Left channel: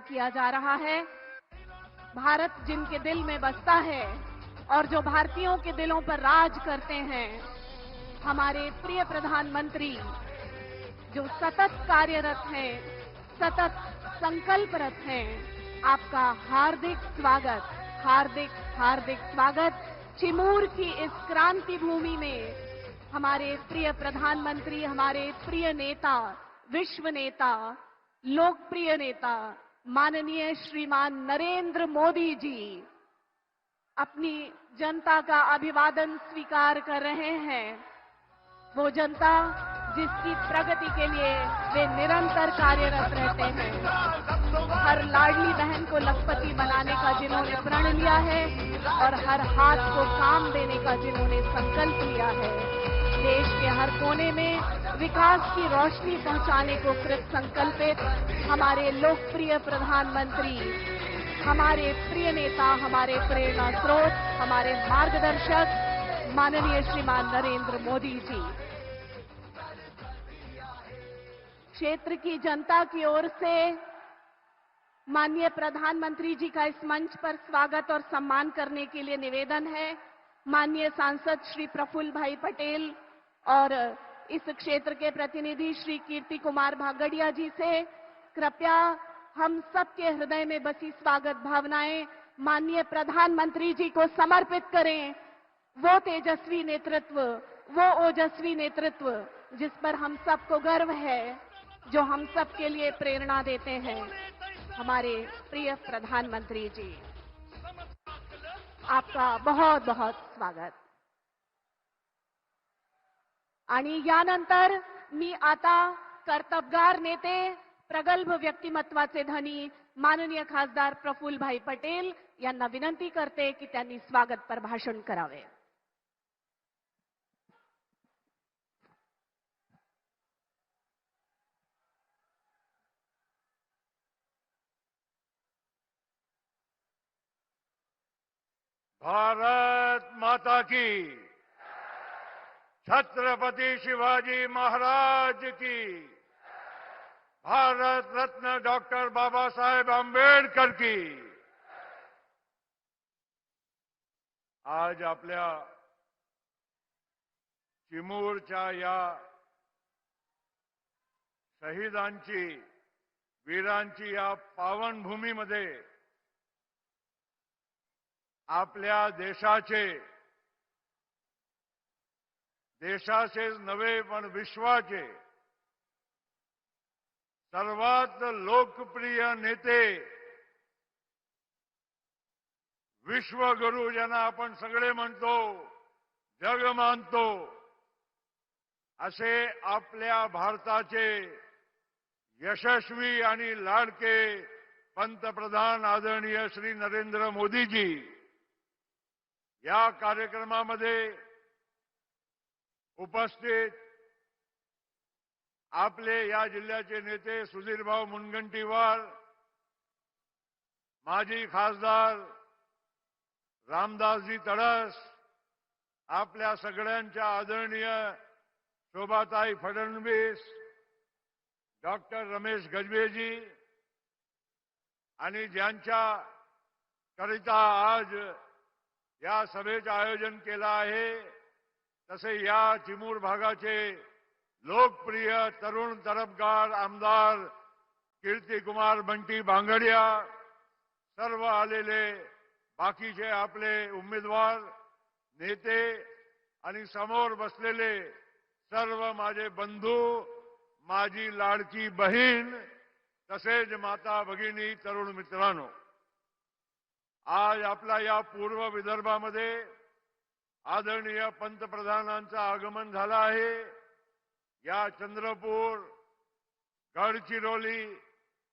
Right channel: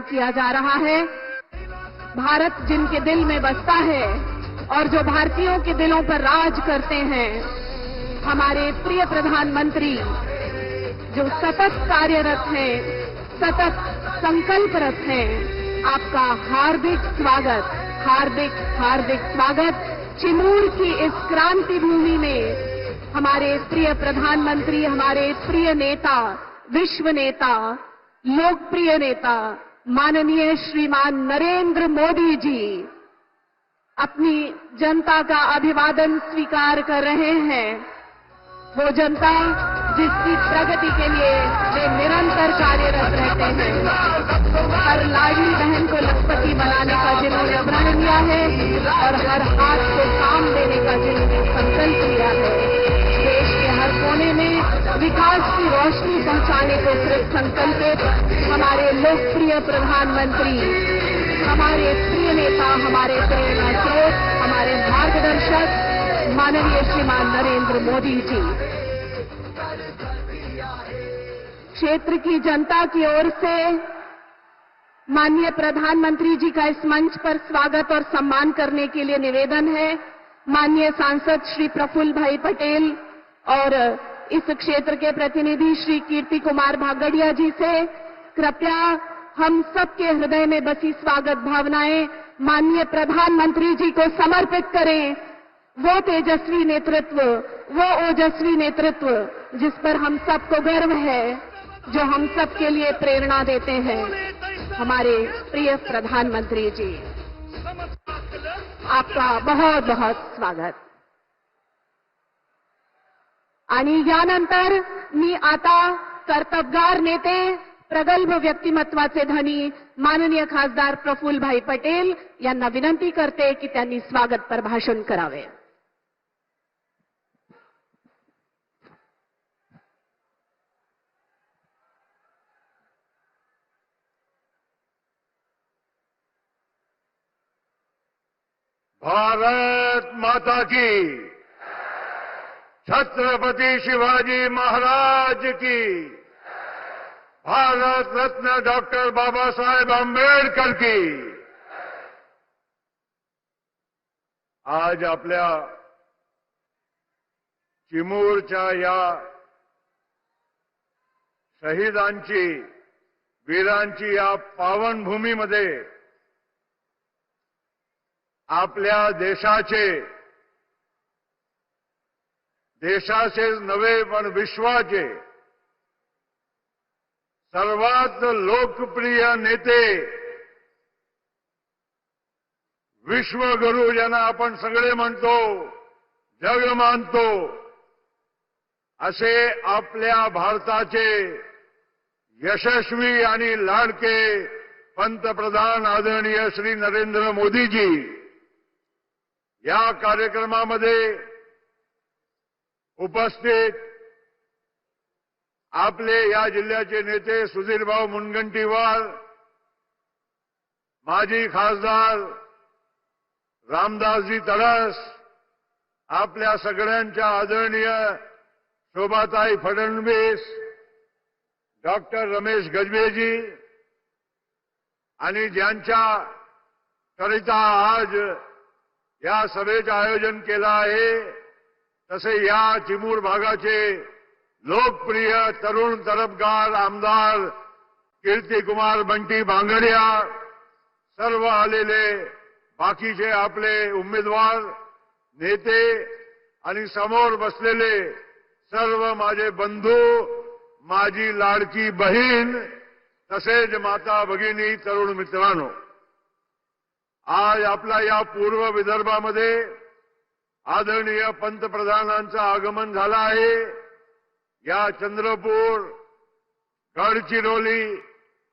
किया जा रहा है। भारत जिनके दिल में बसता है और जो भारतीयों के दिलों पर राज करते हैं, हमारे प्रिय प्रधानमंत्री जो सतत कार्यरत हैं, सतत संकल्परत हैं, आपका हार्दिक स्वागत, हार्दिक हार्दिक स्वागत। चिमूर की इस क्रांति भूमि में हमारे प्रिय प्रधानमंत्री, हमारे प्रिय नेता, विश्व नेता, लोकप्रिय नेता माननीय श्रीमान नरेंद्र मोदी जी अपनी जनता का अभिवादन स्वीकार कर रहे हैं। वो जनता जिसकी प्रगति के लिए वे निरंतर कार्यरत रहते हैं। हर लाडली बहन को लखपति बनाने का जिन्होंने प्रण लिया है और हर हाथ को काम देने का जिन्होंने संकल्प लिया है। देश के हर कोने में विकास की रोशनी पहुंचाने को कृत संकल्पित हमारे लोकप्रिय प्रधानमंत्री, हमारे प्रिय नेता, हमारे प्रेरणा स्रोत, हमारे मार्गदर्शक माननीय श्रीमान नरेंद्र मोदी जी। क्षेत्र की जनता की ओर से माननीय प्रधानमंत्री जी का इस मंच पर स्वागत और सम्मान करने के लिए निवेदन है। माननीय सांसद श्री प्रफुल्ल भाई पटेल और इस क्षेत्र के प्रतिनिधि श्री कीर्ति कुमार भागड़िया जी से कृपया हम सबके हृदय में बसी स्वागत भावनाएं माननीय प्रधानमंत्री जी को समर्पित करें। वो तेजस्वी नेतृत्व, वो ओजस्वी नेतृत्व जिस पर हम सबको गर्व है, जो हम सबके लिए प्रेरणा देते हैं, हमारे प्रिय प्रधानमंत्री जी, आपका बहुत बहुत स्वागत। आणि यानंतर मी आता कर्तबगार नेते, प्रगल्भ व्यक्तिमत्वाचे धनी माननीय खासदार प्रफुल्लभाई पटेल यांना विनंती करते की त्यांनी स्वागतपर भाषण करावे। भारत माता की, छत्रपति शिवाजी महाराज की, भारत रत्न डॉक्टर बाबा साहेब आंबेडकर की। आज आपल्या चिमूरच्या या शहीदांची, वीरांची या पावनभूमीमध्ये आपल्या देशाचे नव्हे पण विश्वाचे सर्वात लोकप्रिय नेते, विश्वगुरू ज्यांना आपण सगळे म्हणतो, जग मानतो, असे आपल्या भारताचे यशस्वी आणि लाडके पंतप्रधान आदरणीय श्री नरेंद्र मोदीजी या कार्यक्रमामध्ये उपस्थित आपले या जिल्ह्याचे नेते सुधीरभाऊ मुनगंटीवार, माजी खासदार रामदासजी तडस, आपल्या सगळ्यांच्या आदरणीय शोभाताई फडणवीस, डॉक्टर रमेश गजबेजी आणि ज्यांच्या करिता आज या सभेचं आयोजन केलं आहे, तसे या चिमूर भागाचे लोकप्रिय तरुण तरफदार आमदार कीर्तिकुमार बंटी भांगडिया, सर्व आलेले बाकीचे आपले उमेदवार, नेते आणि समोर बसलेले सर्व माझे बंधू, माझी लाडकी बहीण, तसेच माता भगिनी, तरुण मित्रांनो, आज आपला या पूर्व विदर्भामध्ये आदरणीय पंतप्रधानांचं आगमन झालं आहे। या चंद्रपूर, गडचिरोली,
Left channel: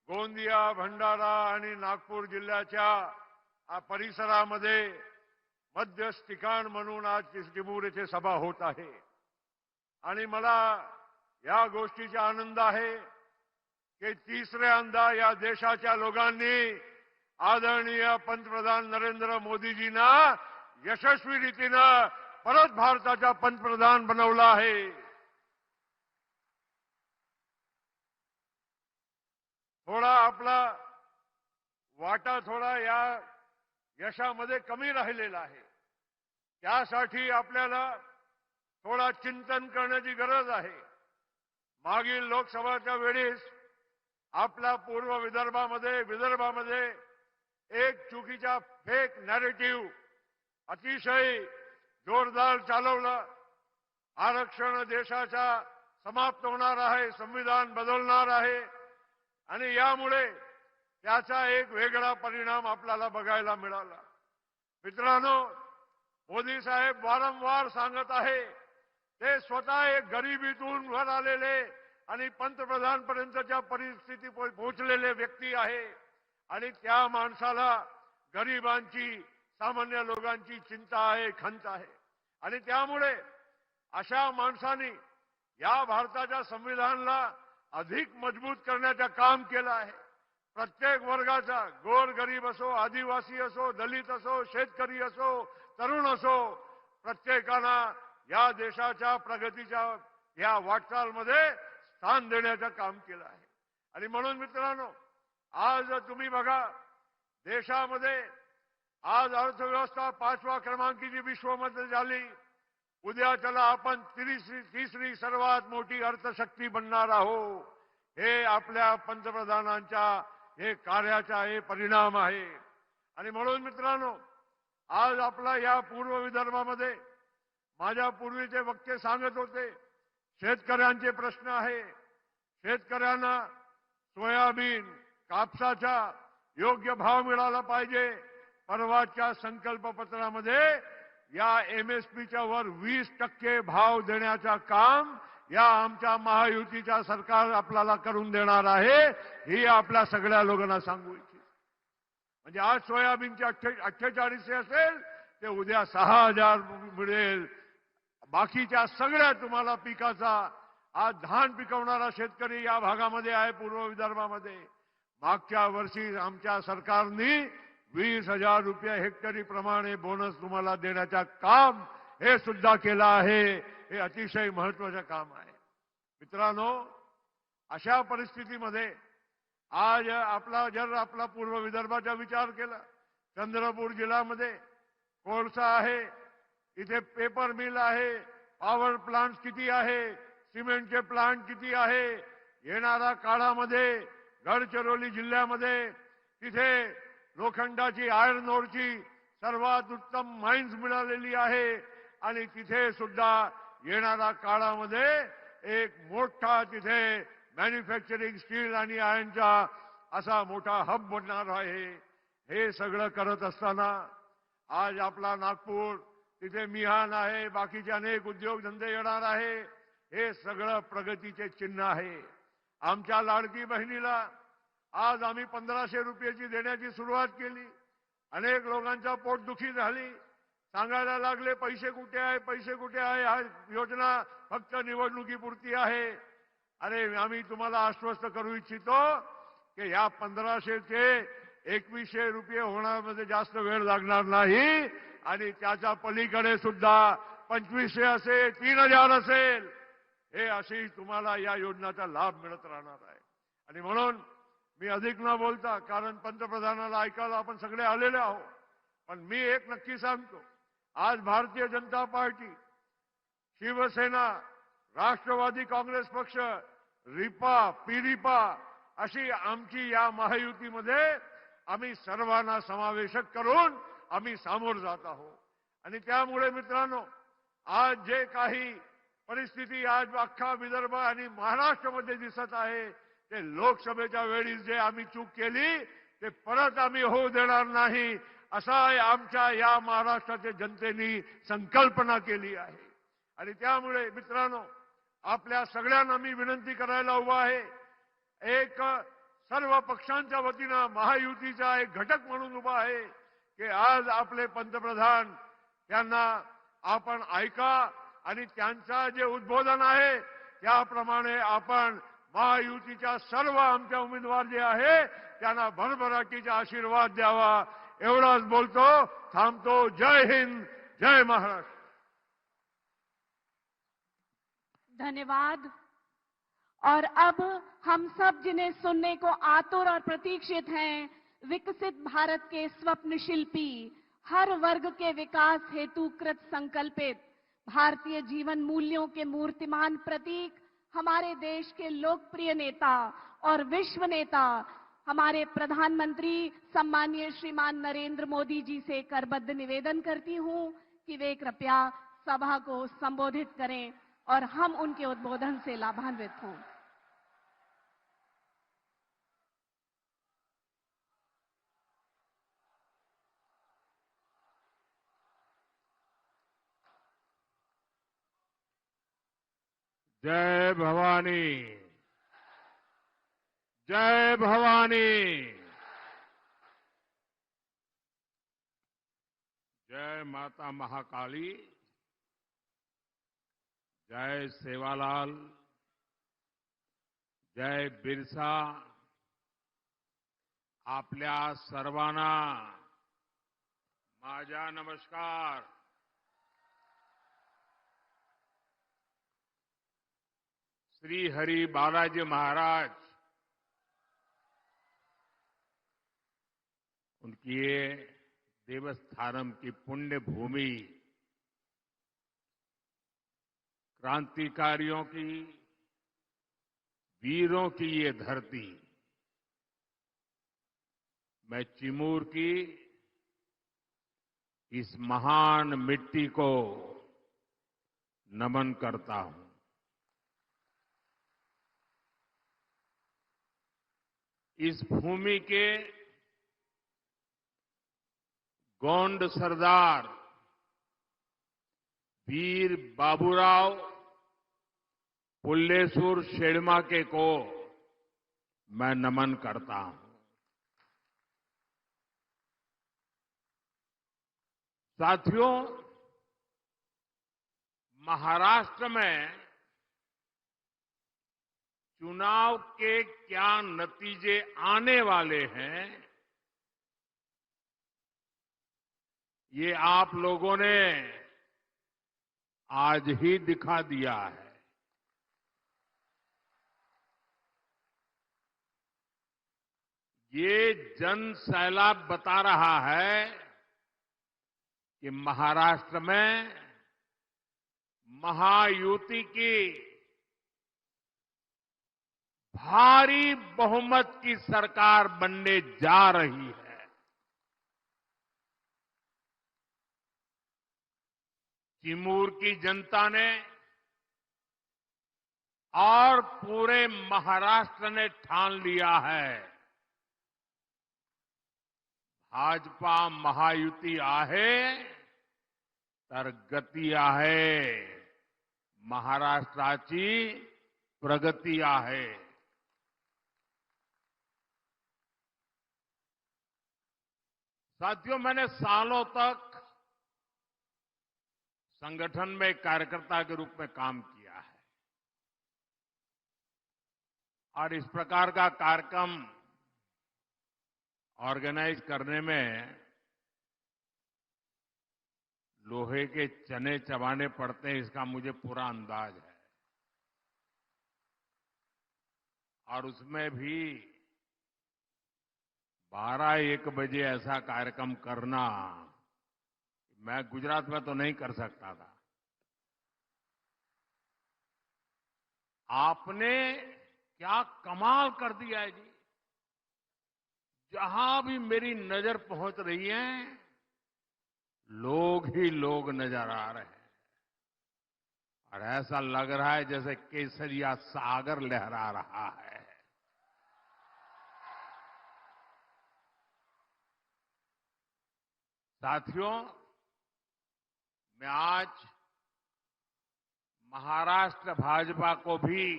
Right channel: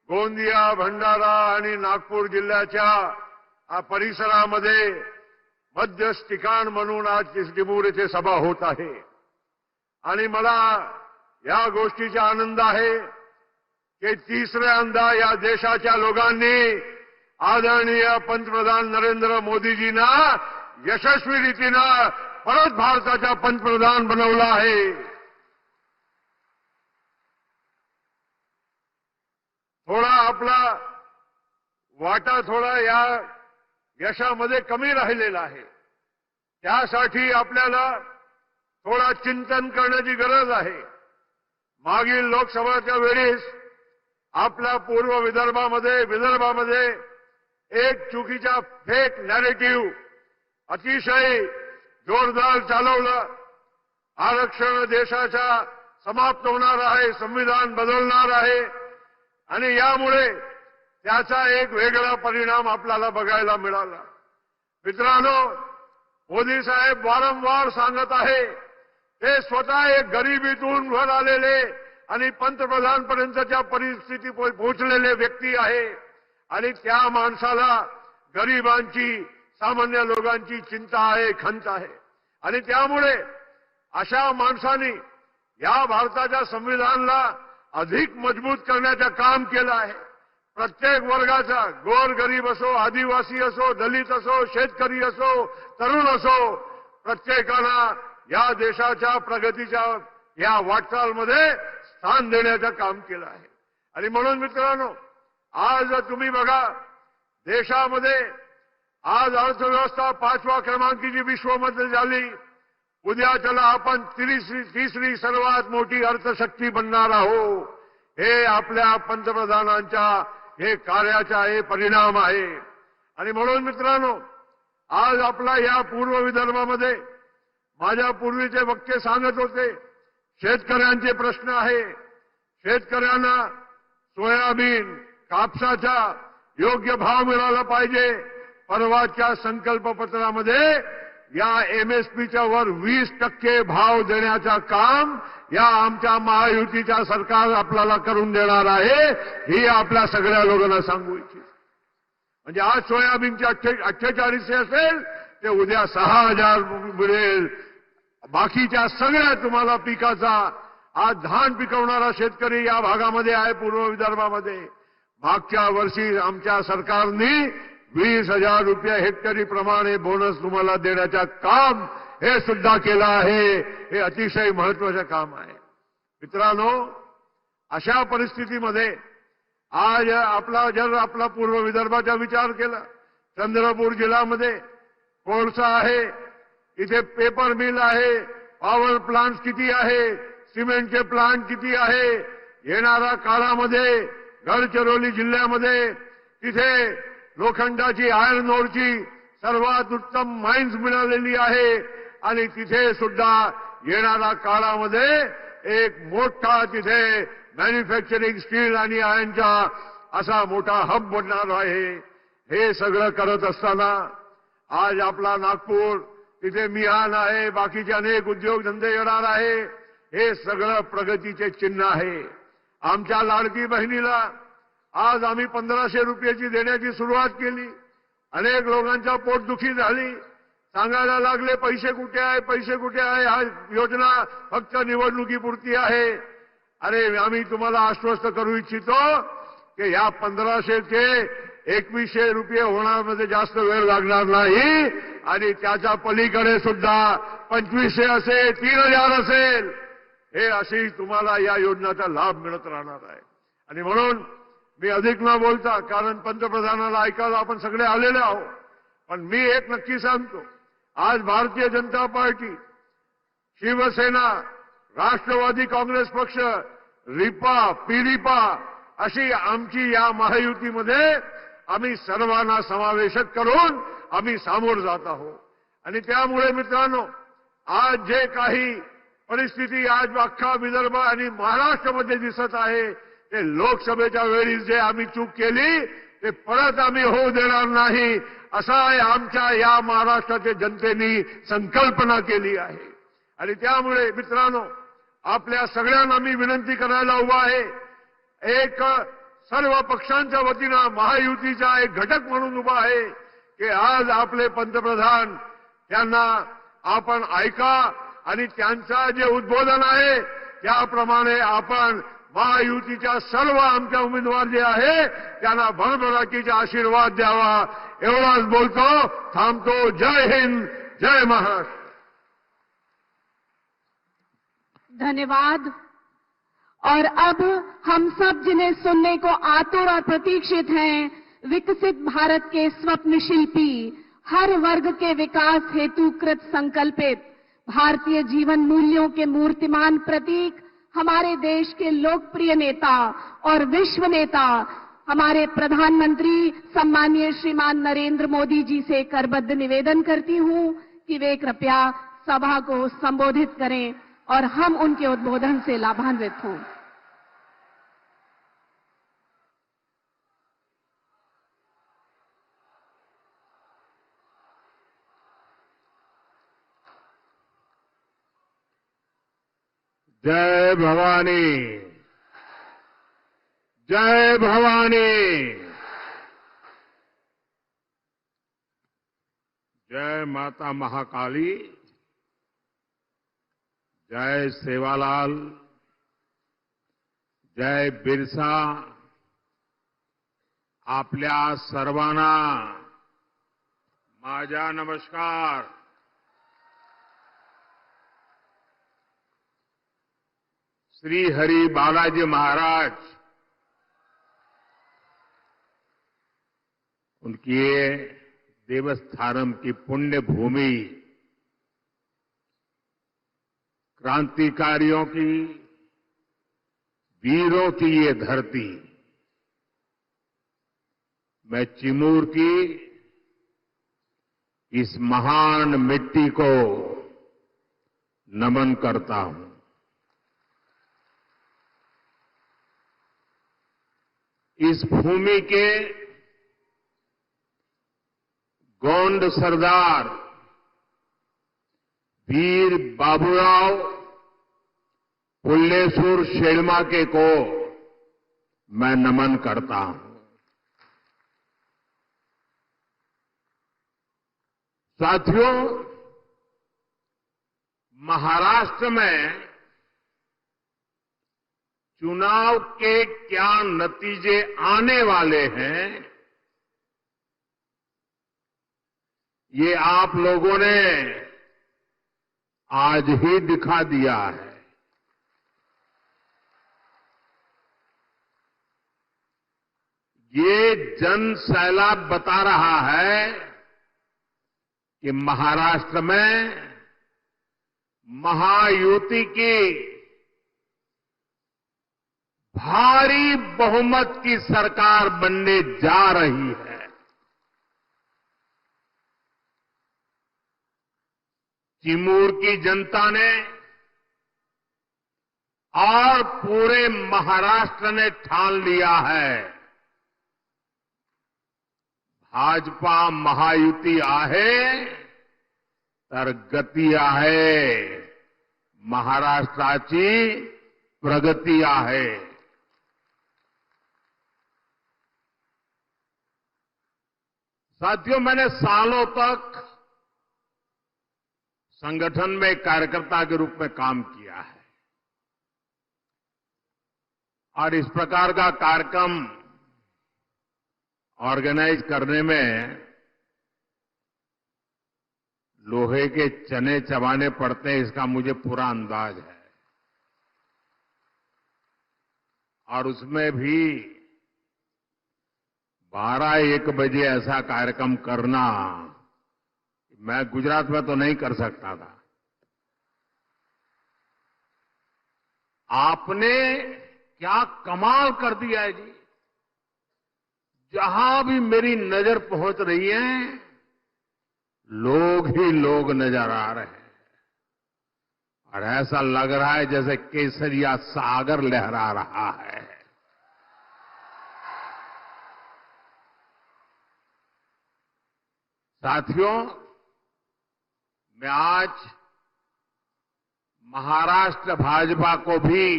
गोंदिया, भंडारा आणि नागपूर जिल्ह्याच्या परिसरामध्ये मध्यस्थ ठिकाण म्हणून आज चिमूर येथे सभा होत आहे। आणि मला या गोष्टीचा आनंद आहे की तिसऱ्यांदा या देशाच्या लोकांनी आदरणीय पंतप्रधान नरेंद्र मोदीजींना यशस्वी रीतीनं परत भारताचा पंतप्रधान बनवलं आहे। थोडा आपला वाटा थोडा या यशामध्ये कमी राहिलेला आहे. त्यासाठी आपल्याला थोडा चिंतन करण्याची गरज आहे. मागील लोकसभाच्या वेळेस आपल्या पूर्व विदर्भामध्ये एक चुकीचा फेक नॅरेटिव्ह अतिशय जोरदार चालवलं. आरक्षण देशाचा समाप्त होणार आहे, संविधान बदलणार आहे आणि यामुळे त्याचा एक वेगळा परिणाम आपल्याला बघायला मिळाला. मित्रांनो, मोदी साहेब वारंवार सांगत आहे ते स्वतः एक गरिबीतून वर आलेले आणि पंतप्रधानपर्यंतच्या परिस्थिती पोहोचलेले व्यक्ती आहे आणि त्या माणसाला गरिबांची, सामान्य लोकांची चिंता आहे, खंत आहे आणि त्यामुळे अशा माणसांनी या भारताच्या संविधानाला अधिक मजबूत करण्याचं काम केलं आहे. प्रत्येक वर्गाचा, गोरगरीब असो, आदिवासी असो, दलित असो, शेतकरी असो, तरुण असो, प्रत्येकाला या देशाच्या प्रगतीच्या या वाटचालमध्ये स्थान देण्याचं काम केलं आहे. आणि म्हणून मित्रांनो, आज तुम्ही बघा, देशामध्ये आज अर्थव्यवस्था 5व्या क्रमांकाची विश्वामध्ये झाली. उद्या त्याला आपण तिसरी सर्वात मोठी अर्थशक्ती बनणार आहोत. हे आपल्या पंतप्रधानांच्या हे कार्याचा हे परिणाम आहे. आणि म्हणून मित्रांनो, आज आपला या पूर्व विदर्भामध्ये माझ्या पूर्वीचे वक्ते सांगत होते, शेतकऱ्यांचे प्रश्न आहे. शेतकऱ्यांना सोयाबीन, कापसाचा योग्य भाव मिळाला पाहिजे. परवाच्या संकल्पपत्रामध्ये या एमएसपीच्या वर 20% भाव देण्याचं काम या आमच्या महायुतीच्या सरकार आपल्याला करून देणार आहे. ही आपल्या सगळ्या लोकांना सांगू इच्छितो. म्हणजे आज सोयाबीनचे 48 असेल ते उद्या 6000 मिळेल. बाकीच्या सगळ्या तुम्हाला पिकाचा आज धान पिकवणारा शेतकरी या भागामध्ये आहे, पूर्व विदर्भामध्ये. मागच्या वर्षी आमच्या सरकारने 20,000 रुपये हेक्टरी प्रमाणे बोनस तुम्हाला देण्याचं काम हे सुद्धा केलं आहे. हे अतिशय महत्वाचं काम आहे. मित्रांनो, अशा परिस्थितीमध्ये आज आपला पूर्व विदर्भाचा विचार केला, चंद्रपूर जिल्ह्यामध्ये कोळसा आहे, इथे पेपर मिल आहे, पॉवर प्लांट किती आहे, सिमेंटचे प्लांट किती आहे. येणाऱ्या काळामध्ये गडचिरोली जिल्ह्यामध्ये तिथे लोखंडाची, आयर्न ओरची सर्वात उत्तम माइन्स मिळालेली आहे आणि तिथे सुद्धा येणाऱ्या काळामध्ये एक मोठा तिथे मॅन्युफॅक्चरिंग स्टील आणि आयर्नचा असा मोठा हब बनणार आहे. हे सगळं करत असताना आज आपला नागपूर तिथे मिहान आहे, बाकीचे अनेक उद्योगधंदे येणार आहे. हे सगळं प्रगतीचे चिन्ह आहे. आमच्या लाडकी बहिणीला आज आम्ही 1500 रुपयाची देण्याची सुरुवात केली. अनेक लोकांच्या पोटदुखी झाली, सांगायला लागले पैसे कुठे आहे, पैसे कुठे आहे. हा योजना फक्त निवडणुकीपुरती आहे. अरे, आम्ही तुम्हाला आश्वस्त करू इच्छितो की या 1500चे 2100 रुपये होण्यामध्ये जास्त वेळ लागणार नाही आणि त्याच्या पलीकडे सुद्धा 2500 असेल, 3000 असेल, हे अशी तुम्हाला या योजनेचा लाभ मिळत राहणार आहे. आणि म्हणून मी अधिक न बोलता, कारण पंतप्रधानाला ऐकायला आपण सगळे आलेले आहोत, पण मी एक नक्की सांगतो, आज भारतीय जनता पार्टी, शिवसेना, राष्ट्रवादी काँग्रेस पक्ष, रिपा, पिरिपा अशी आमची या महायुतीमध्ये आम्ही सर्वांना समावेशक करून आम्ही सामोर जात आहोत. आणि त्यामुळे मित्रांनो, आज जे काही परिस्थिती आज अख्खा विदर्भ आणि महाराष्ट्रामध्ये दिसत आहे, ते लोकसभेच्या वेळी जे आम्ही चूक केली ते परत आम्ही होऊ देणार नाही, असा आमच्या या महाराष्ट्राच्या जनतेने संकल्पना केली आहे. आणि त्यामुळे मित्रांनो, आपल्या सगळ्यांना मी विनंती करायला उभा आहे, एक सर्व पक्षांच्या वतीनं महायुतीचा एक घटक म्हणून उभा आहे की आज आपले पंतप्रधान त्यांना आपण ऐका आणि त्यांचा जे उद्बोधन आहे त्याप्रमाणे आपण महायुतीच्या सर्व आमच्या उमेदवार जे आहे त्यांना भरभराटीचा आशीर्वाद द्यावा. एवढाच बोलतो, थांबतो. जय हिंद, जय महाराष्ट्र. धन्यवाद. और अब हम सब जिन्हें सुनने को आतुर और प्रतीक्षित हैं, विकसित भारत के स्वप्न शिल्पी, हर वर्ग के विकास हेतु कृत संकल्पित, भारतीय जीवन मूल्यों के मूर्तिमान प्रतीक, हमारे देश के लोकप्रिय नेता और विश्व नेता, हमारे प्रधानमंत्री सम्मानीय श्रीमान नरेंद्र मोदी जी से करबद्ध निवेदन करती हूं कि वे कृपया सभा को संबोधित करें और हम उनके उद्बोधन से लाभान्वित हों। जय भवानी, जय भवानी, जय माता महाकाली, जय सेवालाल, जय बिरसा, आपल्या सर्वांना माझा नमस्कार। श्री हरि बालाजी महाराज उनकी ये देवस्थानम की पुण्य भूमि, क्रांतिकारियों की, वीरों की ये धरती, मैं चिमूर की इस महान मिट्टी को नमन करता हूं। इस भूमि के गोंड सरदार वीर बाबूराव पुल्लेसूर शेळमाके को मैं नमन करता हूं। साथियों, महाराष्ट्र में चुनाव के क्या नतीजे आने वाले हैं, ये आप लोगों ने आज ही दिखा दिया है। ये जन सैलाब बता रहा है कि महाराष्ट्र में महायुति की भारी बहुमत की सरकार बनने जा रही है। चिमूर की जनता ने और पूरे महाराष्ट्र ने ठान लिया है, भाजपा महायुती आहे तर गती आहे, महाराष्ट्राची प्रगती आहे। साथियों, मैंने सालों तक संगठन में कार्यकर्ता के रूप में काम किया है और इस प्रकार का कार्यक्रम ऑर्गेनाइज करने में लोहे के चने चबाने पड़ते हैं, इसका मुझे पूरा अंदाज है। और उसमें भी 12-1 बजे ऐसा कार्यक्रम करना, मैं गुजरात में तो नहीं कर सकता था। आपने क्या कमाल कर दिया है जी। जहां भी मेरी नजर पहुंच रही है, लोग ही लोग नजर आ रहे हैं और ऐसा लग रहा है जैसे केसरिया सागर लहरा रहा है। साथियों, मैं आज महाराष्ट्र भाजपा को भी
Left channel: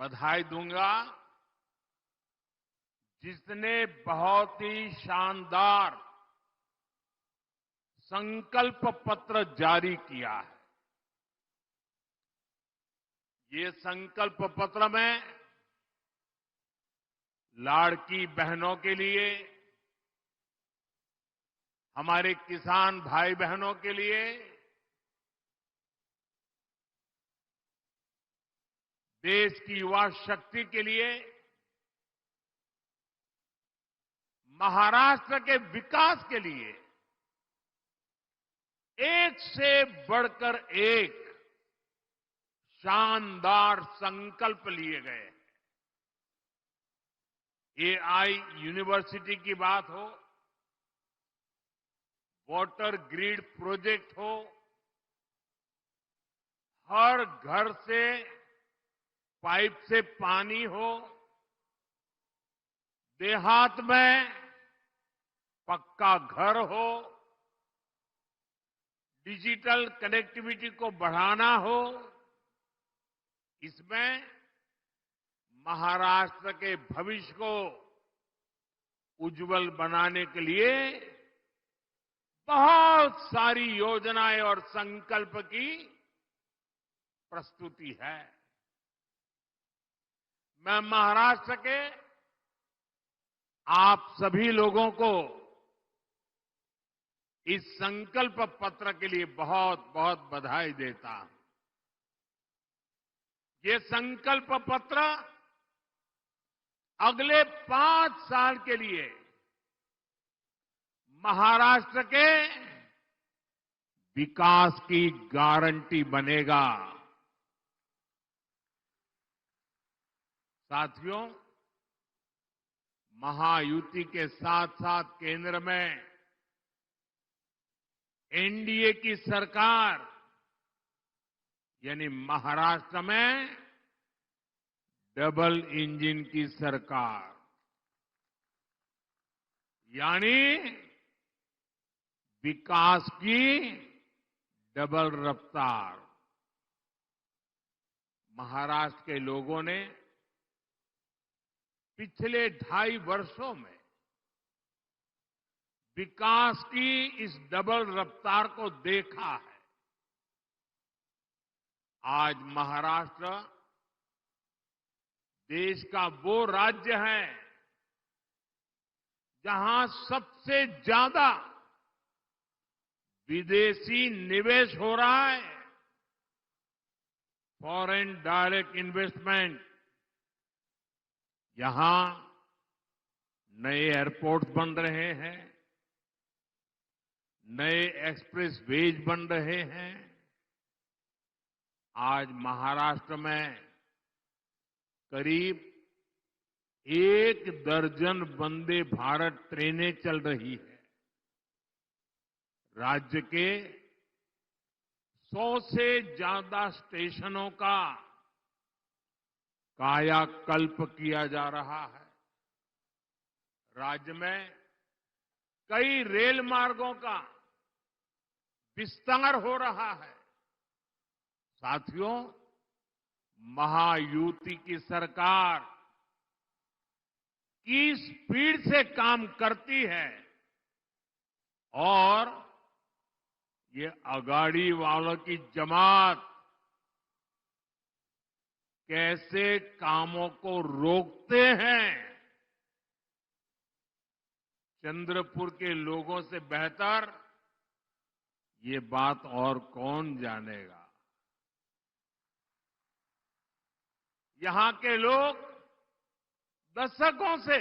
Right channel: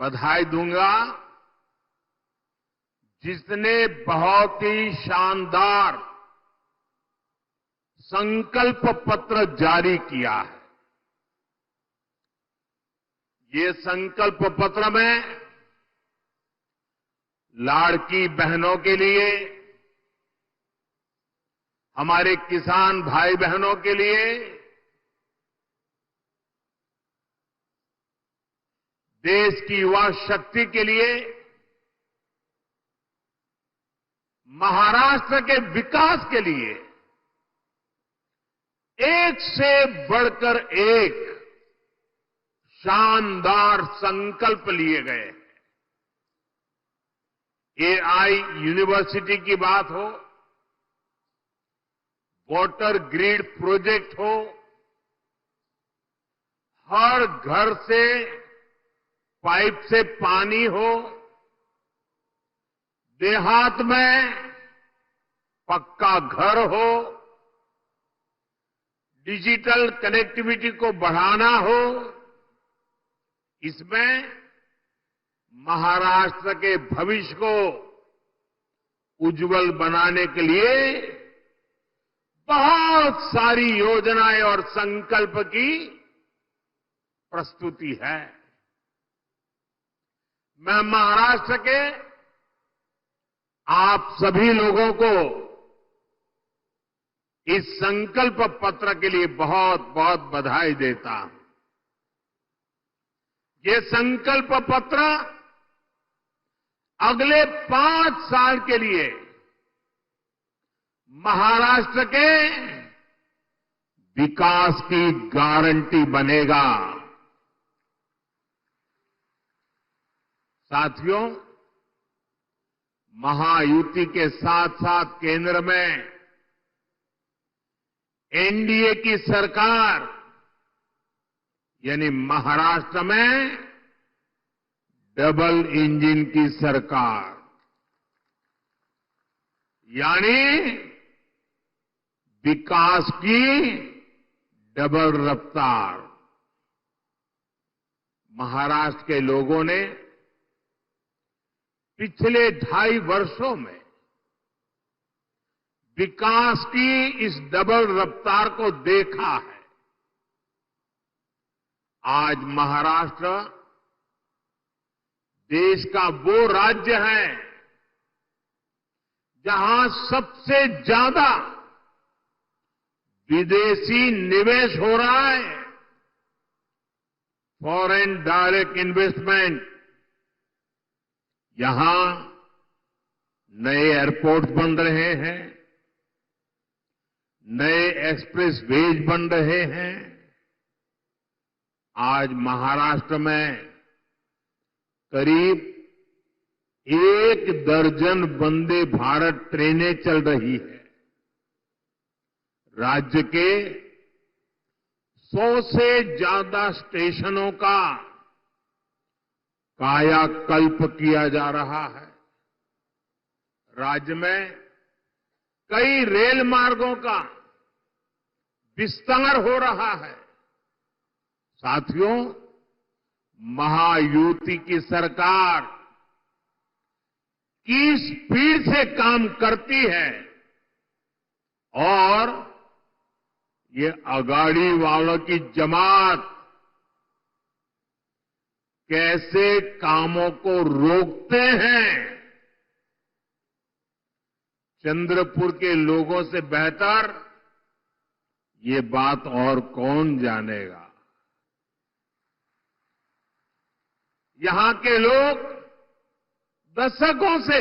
बधाई दूंगा, जिसने बहुत ही शानदार संकल्प पत्र जारी किया है। ये संकल्प पत्र में लाड़की बहनों के लिए, हमारे किसान भाई बहनों के लिए, देश की युवा शक्ति के लिए महाराष्ट्र के विकास के लिए एक से बढ़कर एक शानदार संकल्प लिए गए। एआई यूनिवर्सिटी की बात हो, वाटर ग्रिड प्रोजेक्ट हो, हर घर से पाइप से पानी हो, देहात में पक्का घर हो, डिजिटल कनेक्टिविटी को बढ़ाना हो, इसमें महाराष्ट्र के भविष्य को उज्जवल बनाने के लिए बहुत सारी योजनाएं और संकल्प की प्रस्तुति है। मैं महाराष्ट्र के आप सभी लोगों को इस संकल्प पत्र के लिए बहुत बहुत बधाई देता हूं। ये संकल्प पत्र अगले 5 साल के लिए महाराष्ट्र के विकास की गारंटी बनेगा। साथियों, महायुति के साथ साथ केंद्र में एनडीए की सरकार यानी महाराष्ट्र में डबल इंजन की सरकार यानी विकास की डबल रफ्तार। महाराष्ट्र के लोगों ने पिछले 2.5 वर्षों में विकास की इस डबल रफ्तार को देखा है। आज महाराष्ट्र देश का वो राज्य है जहां सबसे ज्यादा विदेशी निवेश हो रहा है। फॉरेन डायरेक्ट इन्वेस्टमेंट, यहां नए एयरपोर्ट बन रहे हैं, नए एक्सप्रेस वेज बन रहे हैं। आज महाराष्ट्र में करीब 1 दर्जन वंदे भारत ट्रेनें चल रही है। राज्य के 100 से ज्यादा स्टेशनों का कायाकल्प किया जा रहा है। राज्य में कई रेल मार्गों का विस्तार हो रहा है। साथियों, महायुति की सरकार किस स्पीड से काम करती है और ये अगाड़ी वालों की जमात कैसे कामों को रोकते हैं, चंद्रपुर के लोगों से बेहतर ये बात और कौन जानेगा। यहां के लोग दशकों से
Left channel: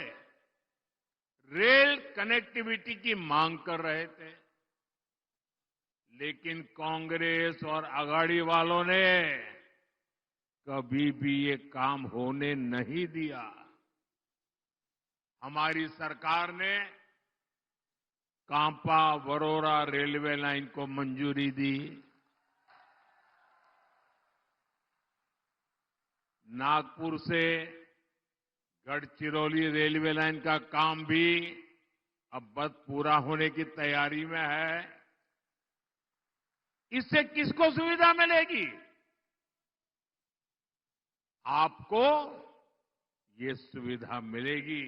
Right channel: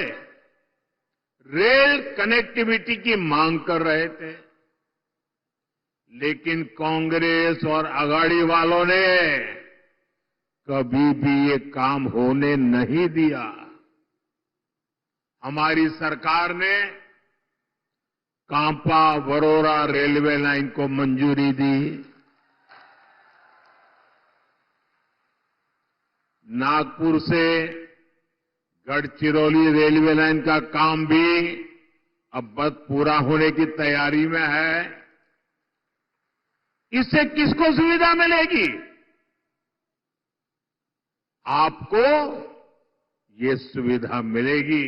रेल कनेक्टिविटी की मांग कर रहे थे, लेकिन कांग्रेस और अगाड़ी वालों ने कभी भी ये काम होने नहीं दिया। हमारी सरकार ने कांपा वरोरा रेलवे लाइन को मंजूरी दी। नागपुर से गढ़चिरौली रेलवे लाइन का काम भी अब बस पूरा होने की तैयारी में है। इससे किसको सुविधा मिलेगी? आपको ये सुविधा मिलेगी,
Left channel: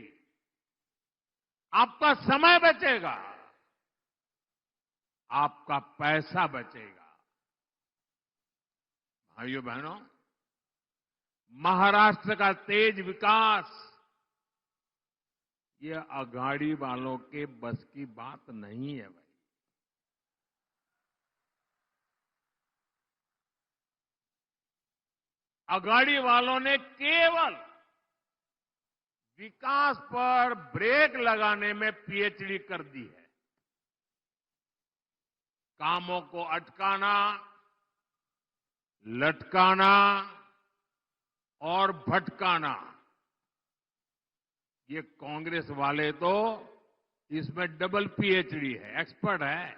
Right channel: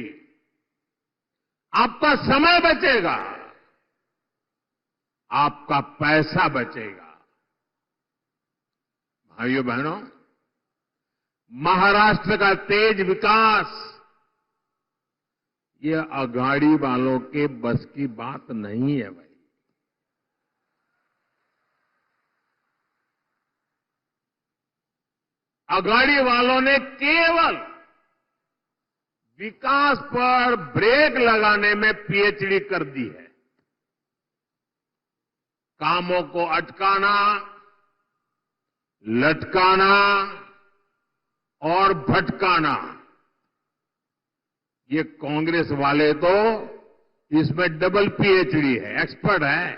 आपका समय बचेगा, आपका पैसा बचेगा। भाइयों बहनों, महाराष्ट्र का तेज विकास ये अगाड़ी वालों के बस की बात नहीं है भाई। अगाड़ी वालों ने केवल विकास पर ब्रेक लगाने में पीएचडी कर दी है। कामों को अटकाना, लटकाना और भटकाना, ये कांग्रेस वाले तो इसमें डबल पीएचडी है, एक्सपर्ट है।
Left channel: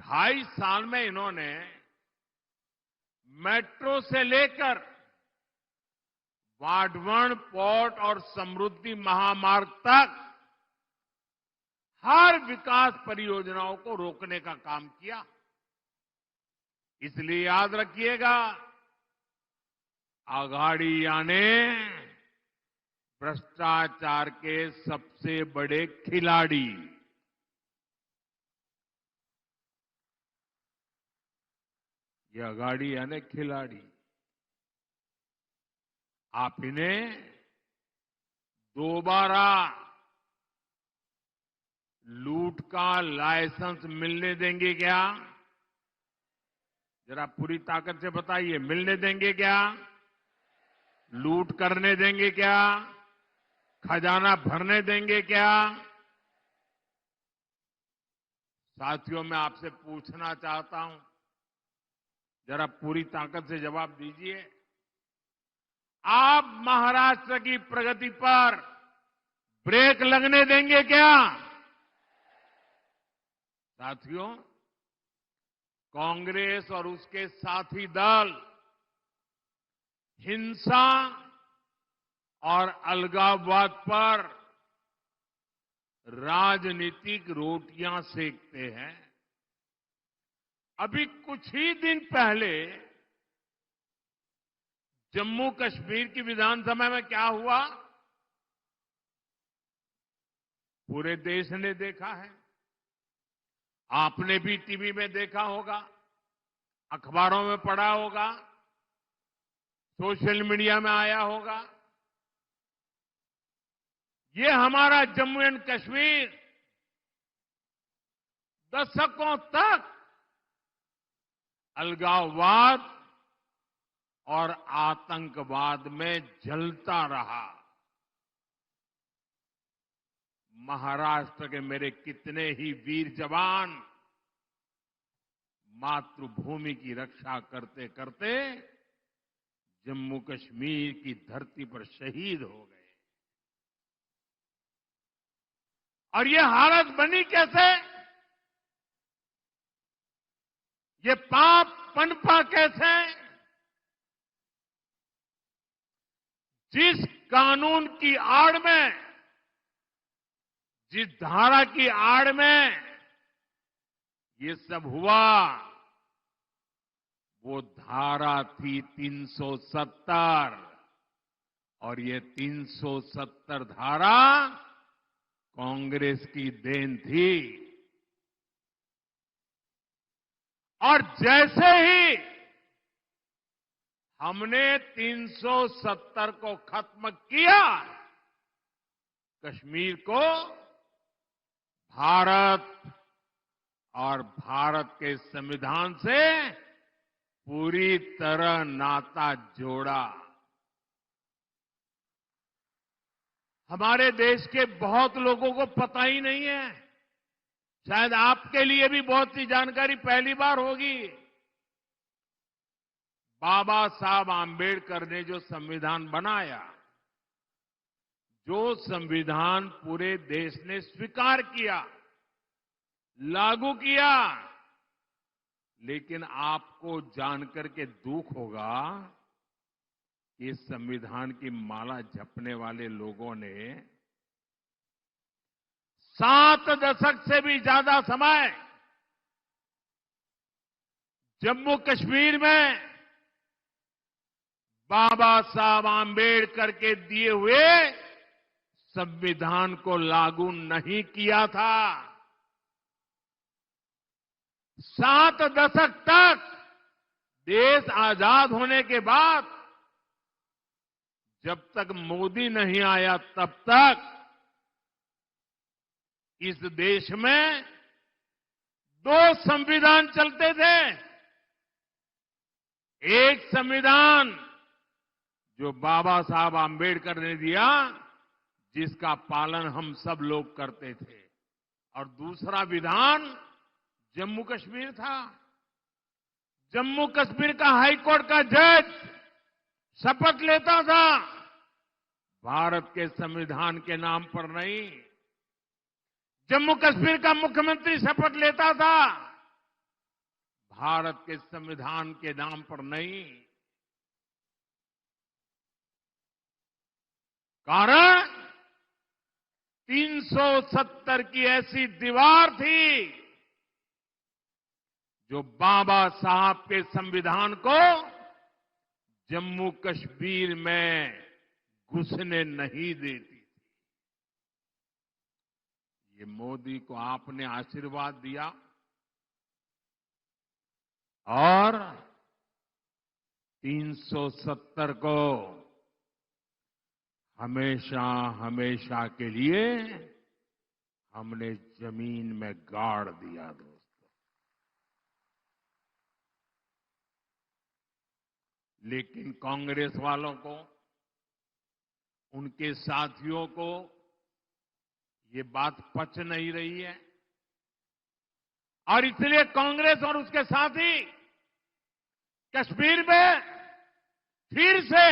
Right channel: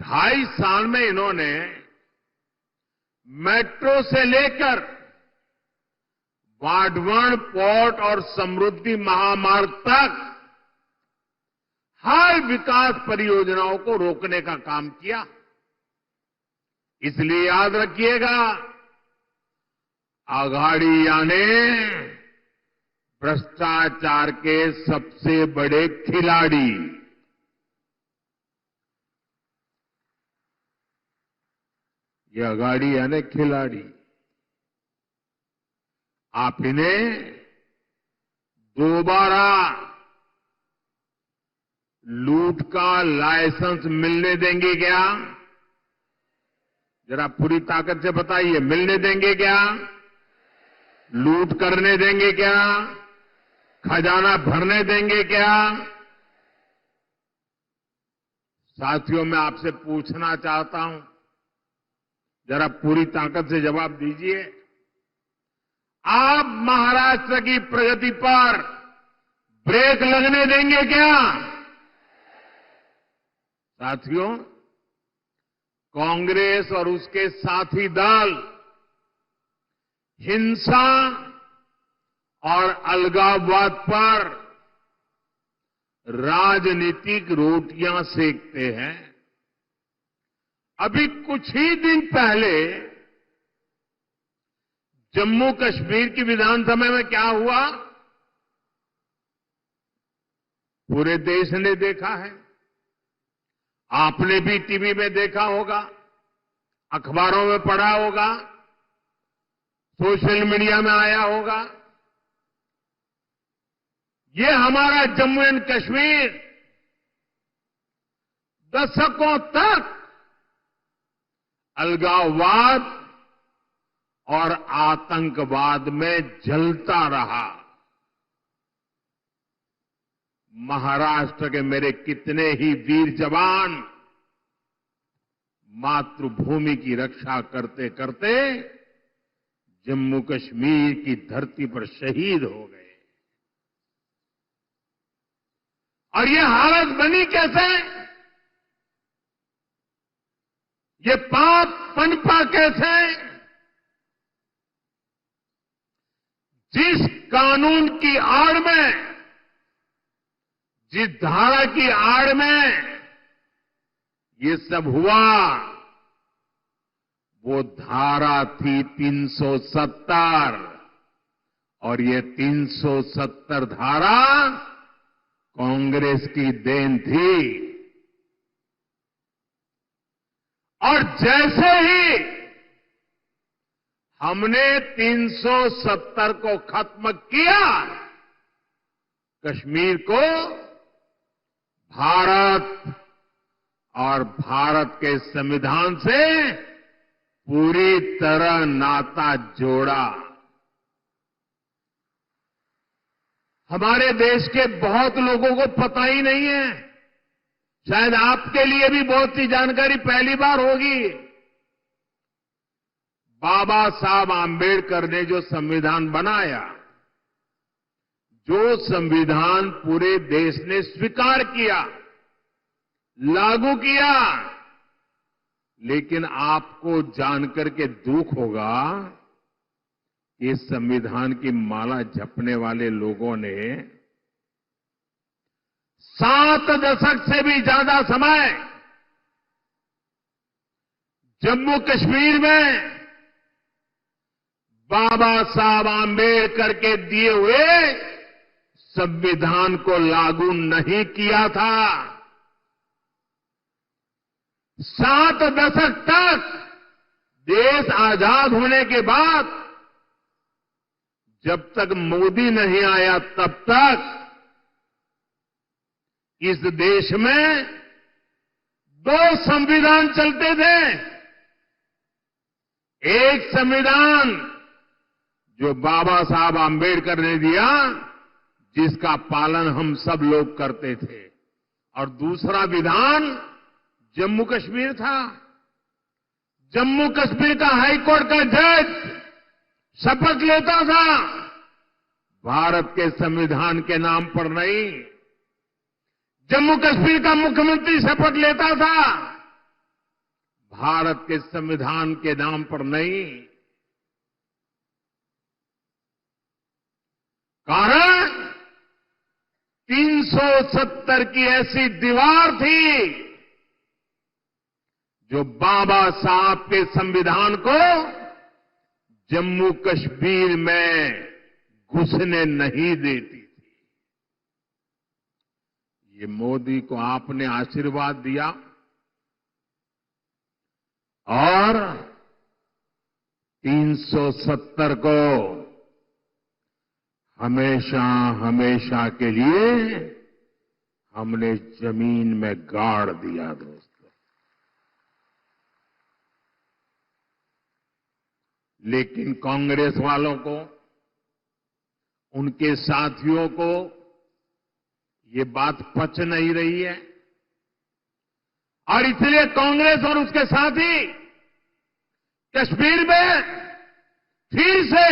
2.5 साल में इन्होंने मेट्रो से लेकर वाडवण पोर्ट और समृद्धि महामार्ग तक हर विकास परियोजनाओं को रोकने का काम किया। इसलिए याद रखिएगा, आघाड़िया ने भ्रष्टाचार के सबसे बड़े खिलाड़ी, ये आघाड़िया ने खिलाड़ी, आप इन्हें दोबारा लूट का लाइसेंस मिलने देंगे क्या? जरा पूरी ताकत से बताइए, मिलने देंगे क्या? लूट करने देंगे क्या? खजाना भरने देंगे क्या? साथियों, मैं आपसे पूछना चाहता हूं, जरा पूरी ताकत से जवाब दीजिए। आप महाराष्ट्र की प्रगति पर ब्रेक लगने देंगे क्या? साथियों, कांग्रेस और उसके साथी दल हिंसा और अलगाववाद पर राजनीतिक रोटियां सेकते हैं। अभी कुछ ही दिन पहले जम्मू कश्मीर की विधानसभा में क्या हुआ, पूरे देश ने देखा है। आपने भी टीवी में देखा होगा, अखबारों में पढ़ा होगा, सोशल मीडिया में आया होगा। ये हमारा जम्मू एंड कश्मीर दशकों तक अलगाववाद और आतंकवाद में जलता रहा। महाराष्ट्र के मेरे कितने ही वीर जवान मातृभूमि की रक्षा करते करते जम्मू कश्मीर की धरती पर शहीद हो गए। और ये हालत बनी कैसे? ये पाप पनपा कैसे? जिस कानून की आड़ में, जिस धारा की आड़ में ये सब हुआ, वो धारा थी 370, और ये 370 धारा कांग्रेस की देन थी। और जैसे ही हमने 370 को खत्म किया, कश्मीर को भारत और भारत के संविधान से पूरी तरह नाता जोड़ा। हमारे देश के बहुत लोगों को पता ही नहीं है, शायद आपके लिए भी बहुत सी जानकारी पहली बार होगी। बाबा साहब आंबेडकर ने जो संविधान बनाया, जो संविधान पूरे देश ने स्वीकार किया, लागू किया, लेकिन आपको जानकर के दुख होगा, इस संविधान की माला जपने वाले लोगों ने 7 दशक से भी ज्यादा समय जम्मू कश्मीर में बाबा साहब आंबेडकर के दिए हुए संविधान को लागू नहीं किया था। 7 दशक तक देश आजाद होने के बाद जब तक मोदी नहीं आया, तब तक इस देश में 2 संविधान चलते थे। एक संविधान जो बाबा साहब आम्बेडकर ने दिया, जिसका पालन हम सब लोग करते थे। और दूसरा विधान जम्मू कश्मीर था। जम्मू कश्मीर का हाईकोर्ट का जज शपथ लेता था, भारत के संविधान के नाम पर नहीं। जम्मू कश्मीर का मुख्यमंत्री शपथ लेता था, भारत के संविधान के नाम पर नहीं। कारण 370 की ऐसी दीवार थी जो बाबा साहब के संविधान को जम्मू कश्मीर में घुसने नहीं देती थी। ये मोदी को आपने आशीर्वाद दिया और 370 को हमेशा हमेशा के लिए हमने जमीन में गाड़ दिया। दोस्तों, लेकिन कांग्रेस वालों को, उनके साथियों को ये बात पच नहीं रही है और इसलिए कांग्रेस और उसके साथी कश्मीर में फिर से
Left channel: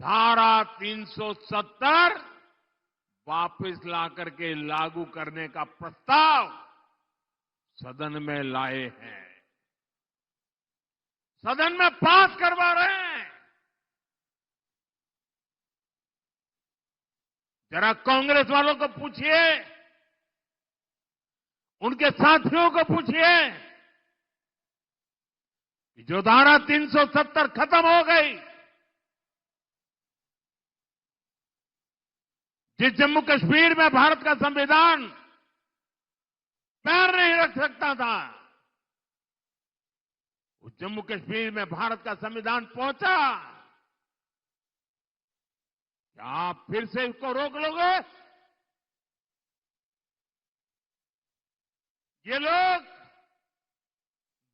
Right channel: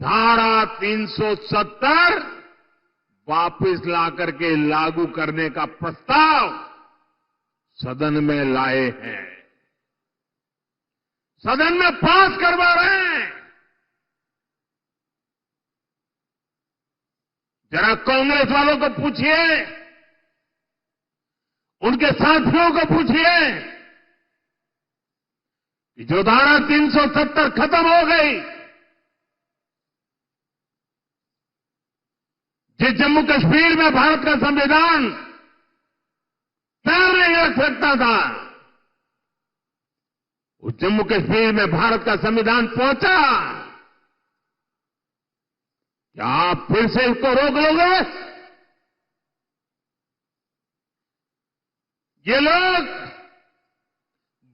धारा 370 वापस लाकर के लागू करने का प्रस्ताव सदन में लाए हैं, सदन में पास करवा रहे हैं। जरा कांग्रेस वालों को पूछिए, उनके साथियों को पूछिए कि जो धारा 370 खत्म हो गई, जिस जम्मू कश्मीर में भारत का संविधान पैर नहीं रख सकता था, उस जम्मू कश्मीर में भारत का संविधान पहुंचा। क्या आप फिर से इसको रोक लोगे? ये लोग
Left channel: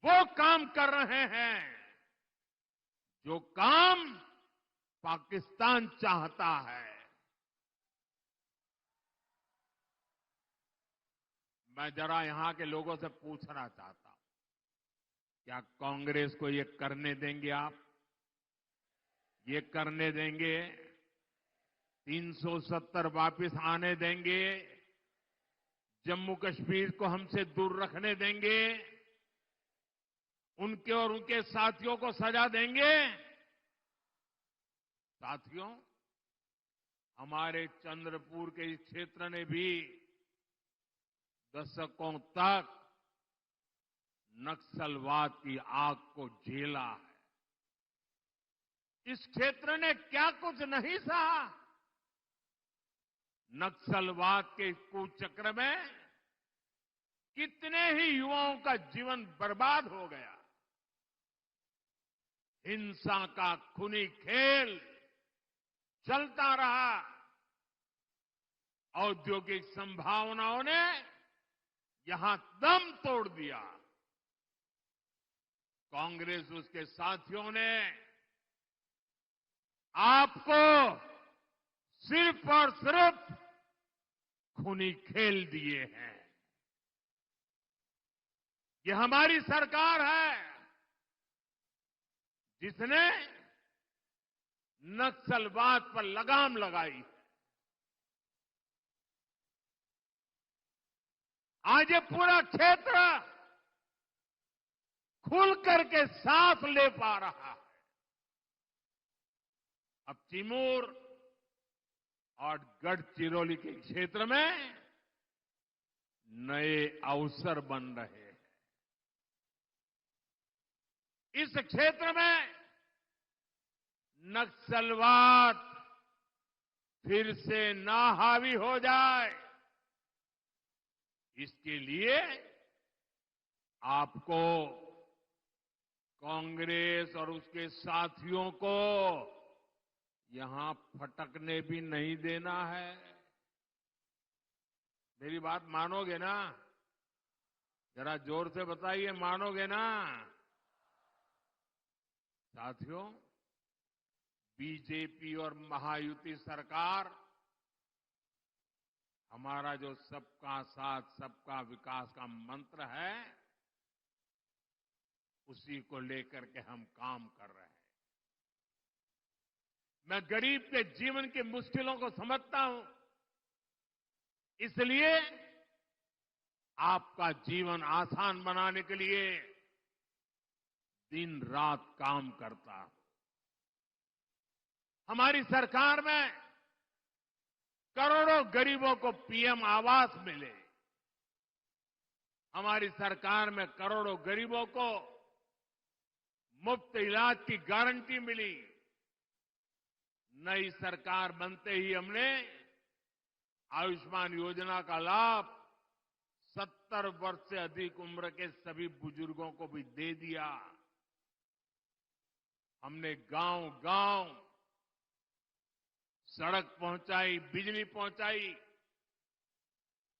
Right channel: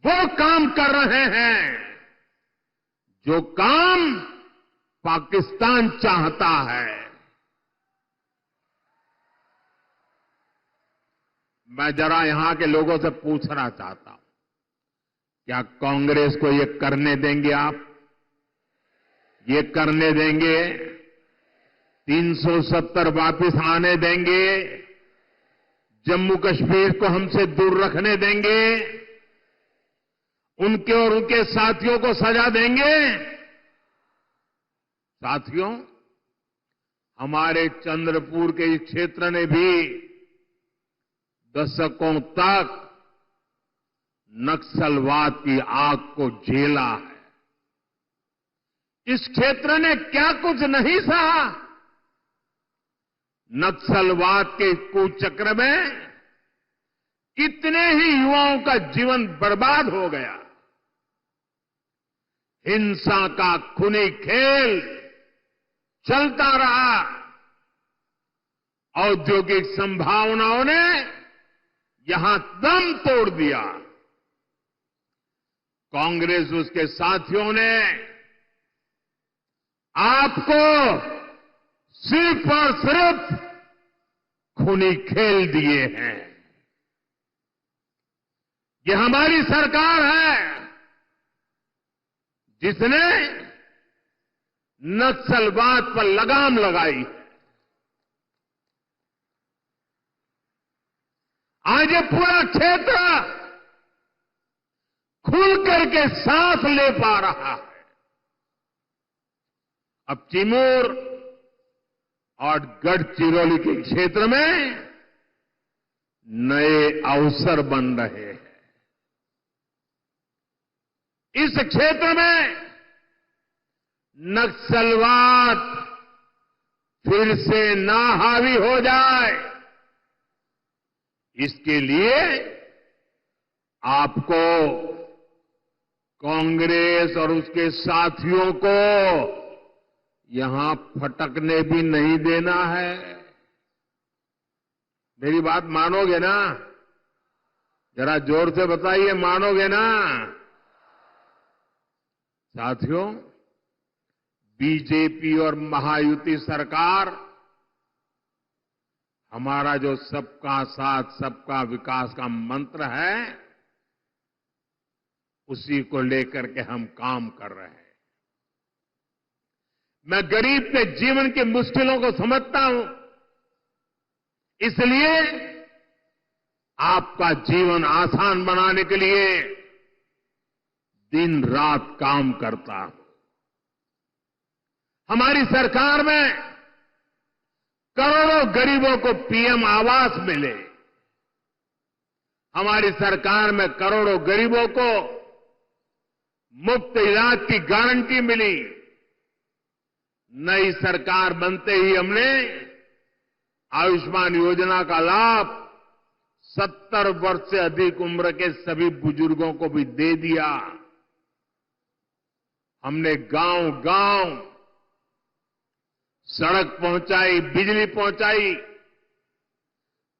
वो काम कर रहे हैं जो काम पाकिस्तान चाहता है। मैं जरा यहां के लोगों से पूछना चाहता हूं, क्या कांग्रेस को ये करने देंगे आप? ये करने देंगे? 370 वापस आने देंगे? जम्मू कश्मीर को हमसे दूर रखने देंगे? उनके और उनके साथियों को सजा देंगे? साथियों, हमारे चंद्रपुर के इस क्षेत्र ने भी दशकों तक नक्सलवाद की आग को झेला है। इस क्षेत्र ने क्या कुछ नहीं सहा। नक्सलवाद के कुचक्र में कितने ही युवाओं का जीवन बर्बाद हो गया। हिंसा का खूनी खेल चलता रहा। औद्योगिक संभावनाओं ने यहां दम तोड़ दिया। कांग्रेस उसके साथियों ने आपको सिर्फ और सिर्फ खूनी खेल दिए हैं। ये हमारी सरकार है जिसने नक्सलवाद पर लगाम लगाई। आज ये पूरा क्षेत्र खुल करके सांस ले पा रहा है। अब चिमूर और गढ़चिरौली के क्षेत्र में नए अवसर बन रहे हैं। इस क्षेत्र में नक्सलवाद फिर से ना हावी हो जाए, इसके लिए आपको कांग्रेस और उसके साथियों को यहां फटकने भी नहीं देना है। मेरी बात मानोगे ना? जरा जोर से बताइए, मानोगे ना? साथियों, बीजेपी और महायुति सरकार हमारा जो सबका साथ सबका विकास का मंत्र है, उसी को लेकर के हम काम कर रहे हैं। मैं गरीब के जीवन की मुश्किलों को समझता हूं, इसलिए आपका जीवन आसान बनाने के लिए दिन रात काम करता हूं। हमारी सरकार में करोड़ों गरीबों को पीएम आवास मिले। हमारी सरकार में करोड़ों गरीबों को मुफ्त इलाज की गारंटी मिली। नई सरकार बनते ही हमने आयुष्मान योजना का लाभ 70 वर्ष से अधिक उम्र के सभी बुजुर्गों को भी दे दिया। हमने गांव-गांव सड़क पहुंचाई, बिजली पहुंचाई,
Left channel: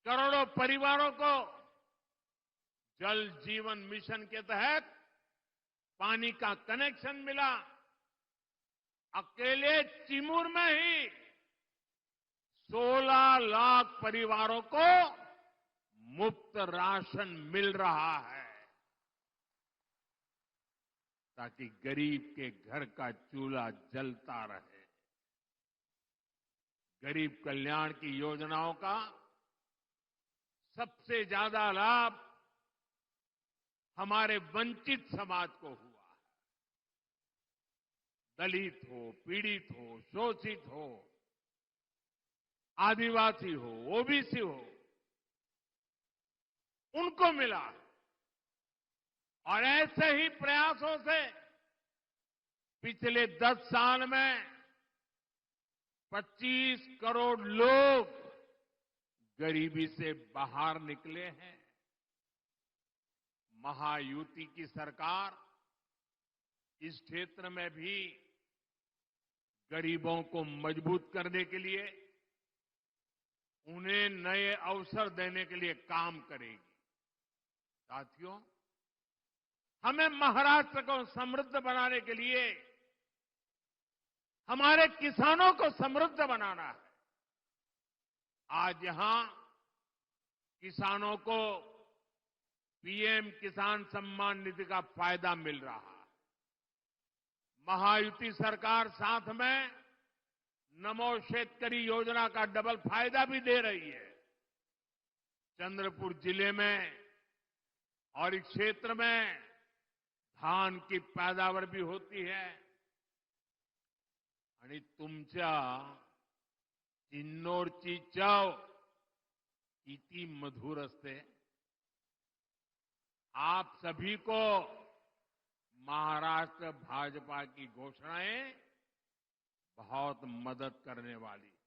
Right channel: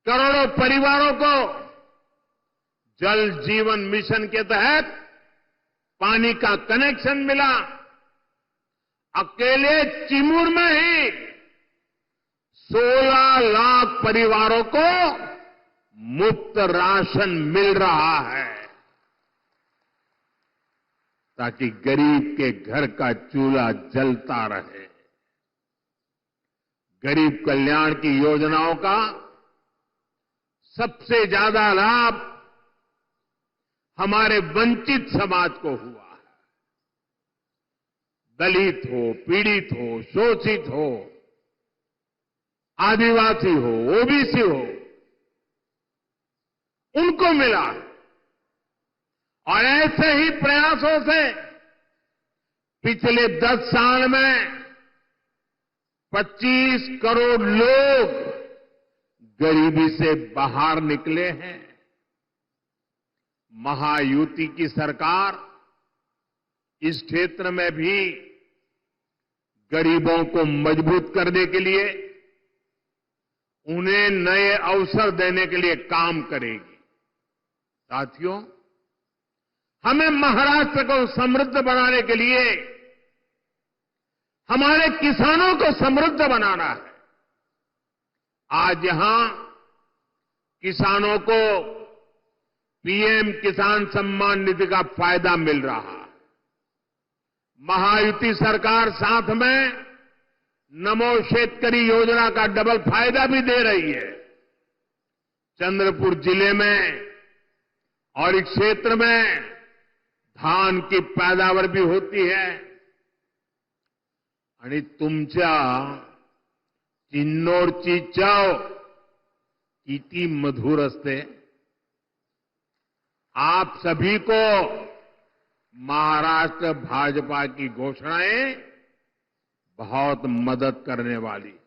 करोड़ों परिवारों को जल जीवन मिशन के तहत पानी का कनेक्शन मिला। अकेले चिमूर में ही 16 लाख परिवारों को मुफ्त राशन मिल रहा है, ताकि गरीब के घर का चूल्हा जलता रहे। गरीब कल्याण की योजनाओं का सबसे ज्यादा लाभ हमारे वंचित समाज को हुआ है। दलित हो, पीड़ित हो, शोषित हो, आदिवासी हो, ओबीसी हो, उनको मिला। और ऐसे ही प्रयासों से पिछले 10 साल में 25 करोड़ लोग गरीबी से बाहर निकले हैं। महायुति की सरकार इस क्षेत्र में भी गरीबों को मजबूत करने के लिए, उन्हें नए अवसर देने के लिए काम करेगी। साथियों, हमें महाराष्ट्र को समृद्ध बनाने के लिए हमारे किसानों को समृद्ध बनाना है। आज यहां किसानों को पीएम किसान सम्मान निधि का फायदा मिल रहा है। महायुति सरकार साथ में नमो शेतकरी योजना का डबल फायदा भी दे रही है। चंद्रपुर जिले में और इस क्षेत्र में धान की पैदावार भी होती है। आणि तुमच्या चिन्नोरची चव किती मधुर असते। आप सभी को महाराष्ट्र भाजपा की घोषणाएं बहुत मदद करने वाली है।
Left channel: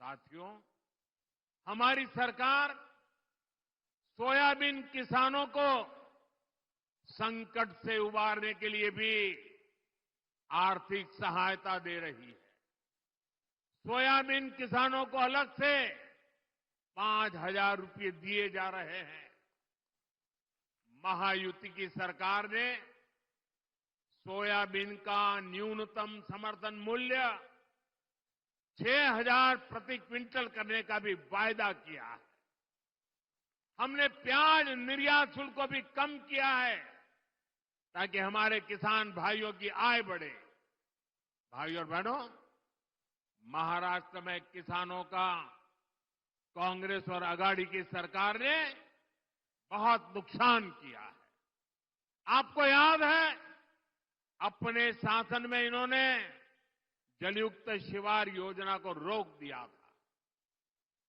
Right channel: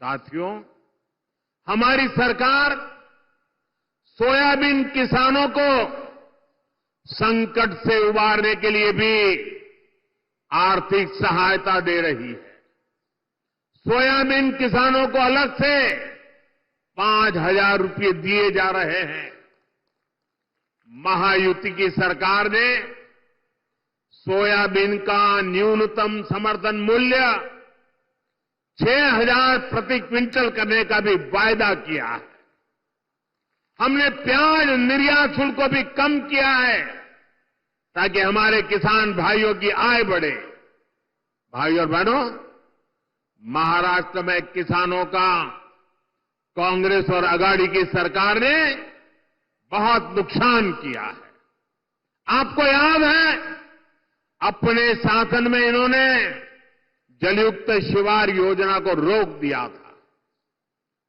साथियों, हमारी सरकार सोयाबीन किसानों को संकट से उबारने के लिए भी आर्थिक सहायता दे रही है। सोयाबीन किसानों को अलग से 5,000 रुपये दिए जा रहे हैं। महायुति की सरकार ने सोयाबीन का न्यूनतम समर्थन मूल्य 6,000 प्रति क्विंटल करने का भी वायदा किया है। हमने प्याज निर्यात शुल्क को भी कम किया है, ताकि हमारे किसान भाइयों की आय बढ़े। भाइयों और बहनों, महाराष्ट्र में किसानों का कांग्रेस और अघाड़ी की सरकार ने बहुत नुकसान किया है। आपको याद है, अपने शासन में इन्होंने जलयुक्त शिवार योजना को रोक दिया था।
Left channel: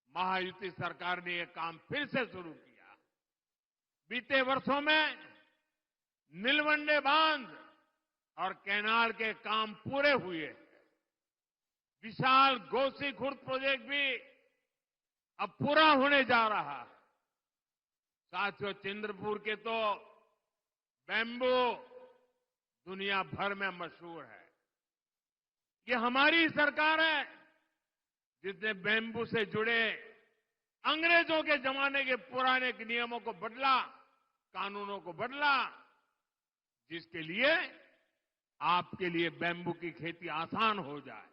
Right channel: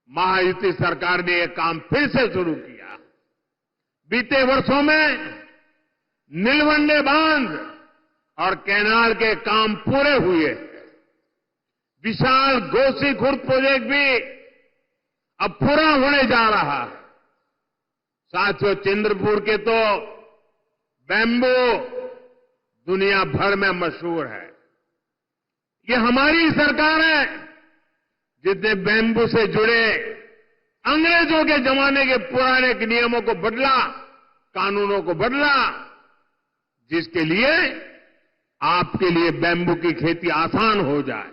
महायुति सरकार ने यह काम फिर से शुरू किया। बीते वर्षों में नीलवंडे बांध और कैनाल के काम पूरे हुए। विशाल गोसीखुर्द प्रोजेक्ट भी अब पूरा होने जा रहा है। साथियों, चंद्रपुर के तो बैम्बू दुनिया भर में मशहूर है। ये हमारी सरकार है जिसने बैम्बू से जुड़े अंग्रेजों के जमाने के पुराने नियमों को बदला, कानूनों को बदला, जिसके लिए आपके लिए बैम्बू की खेती आसान हो जाए।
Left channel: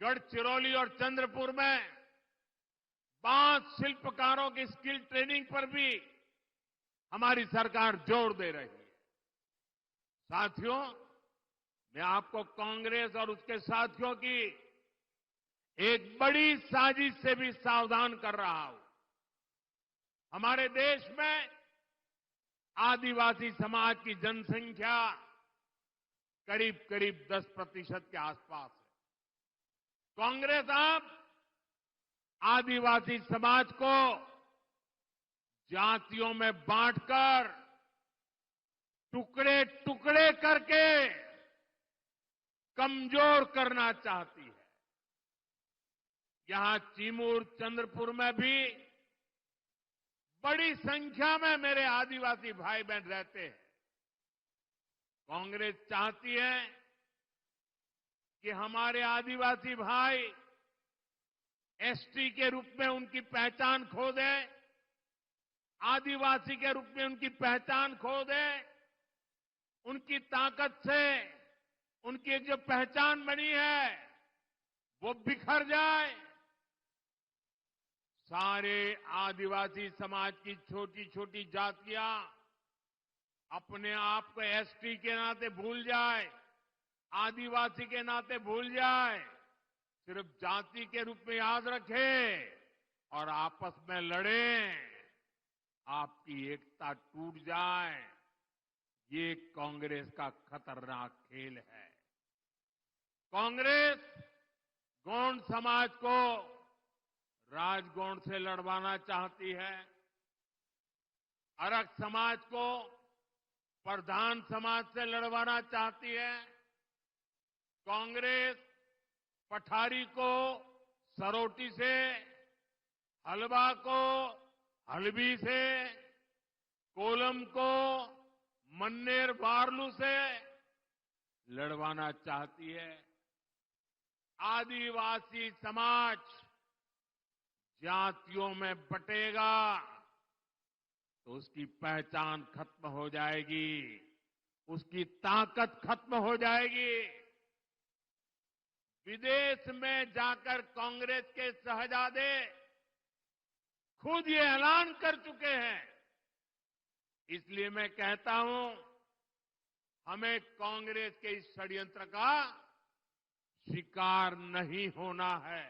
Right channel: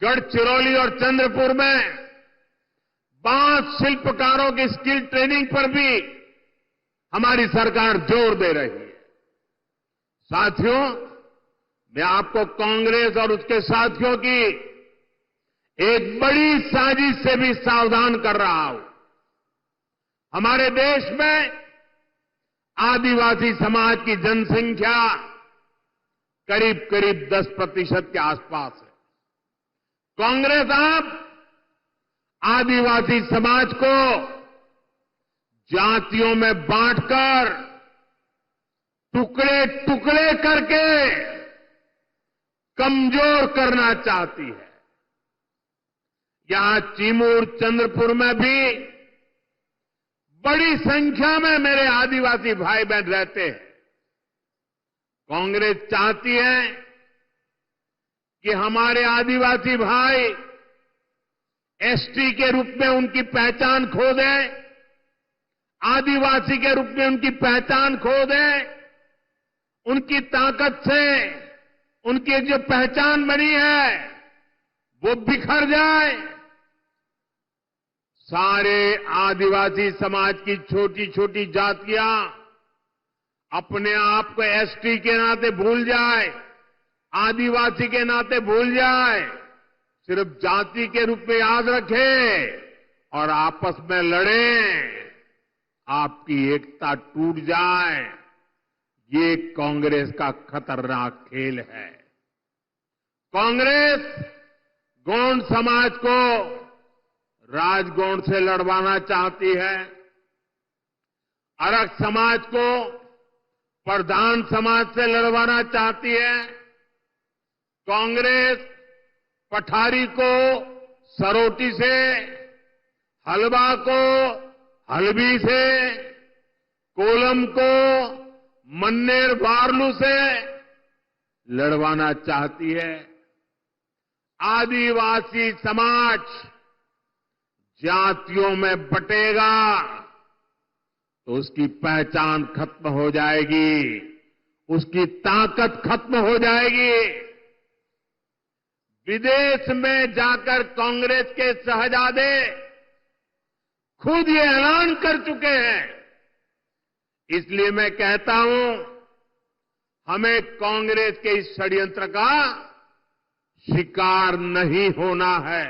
गढ़चिरौली और चंद्रपुर में बांस शिल्पकारों की स्किल ट्रेनिंग पर भी हमारी सरकार जोर दे रही है। साथियों, मैं आपको कांग्रेस और उसके साथियों की एक बड़ी साजिश से भी सावधान कर रहा हूं। हमारे देश में आदिवासी समाज की जनसंख्या करीब करीब 10% के आसपास है। कांग्रेस अब आदिवासी समाज को जातियों में बांटकर टुकड़े टुकड़े करके कमजोर करना चाहती है। यहां चिमूर चंद्रपुर में भी बड़ी संख्या में मेरे आदिवासी भाई बहन रहते हैं। कांग्रेस चाहती है कि हमारे आदिवासी भाई एसटी के रूप में उनकी पहचान खो दें, आदिवासी के रूप में उनकी पहचान खो दें, उनकी ताकत से उनकी एक जो पहचान बनी है वो बिखर जाए। सारे आदिवासी समाज की छोटी छोटी जातियां अपने आप को एसटी के नाते भूल जाए, आदिवासी के नाते भूल जाए, सिर्फ जाति के रूप में याद रखे और आपस में लड़ें, आपकी एकता टूट जाए। ये कांग्रेस का खतरनाक खेल है। कांग्रेस गोंड समाज को राजगोंड से लड़वाना चाहती है, अरग समाज को प्रधान समाज से लड़वाना चाहती है। कांग्रेस पठारी को सरोटी से, हलवा को हलबी से, कोलम को मन्नेर वारलू से लड़वाना चाहती है। आदिवासी समाज जातियों में बटेगा तो उसकी पहचान खत्म हो जाएगी, उसकी ताकत खत्म हो जाएगी। विदेश में जाकर कांग्रेस के शहजादे खुद ये ऐलान कर चुके हैं। इसलिए मैं कहता हूं, हमें कांग्रेस के इस षड्यंत्र का शिकार नहीं होना है,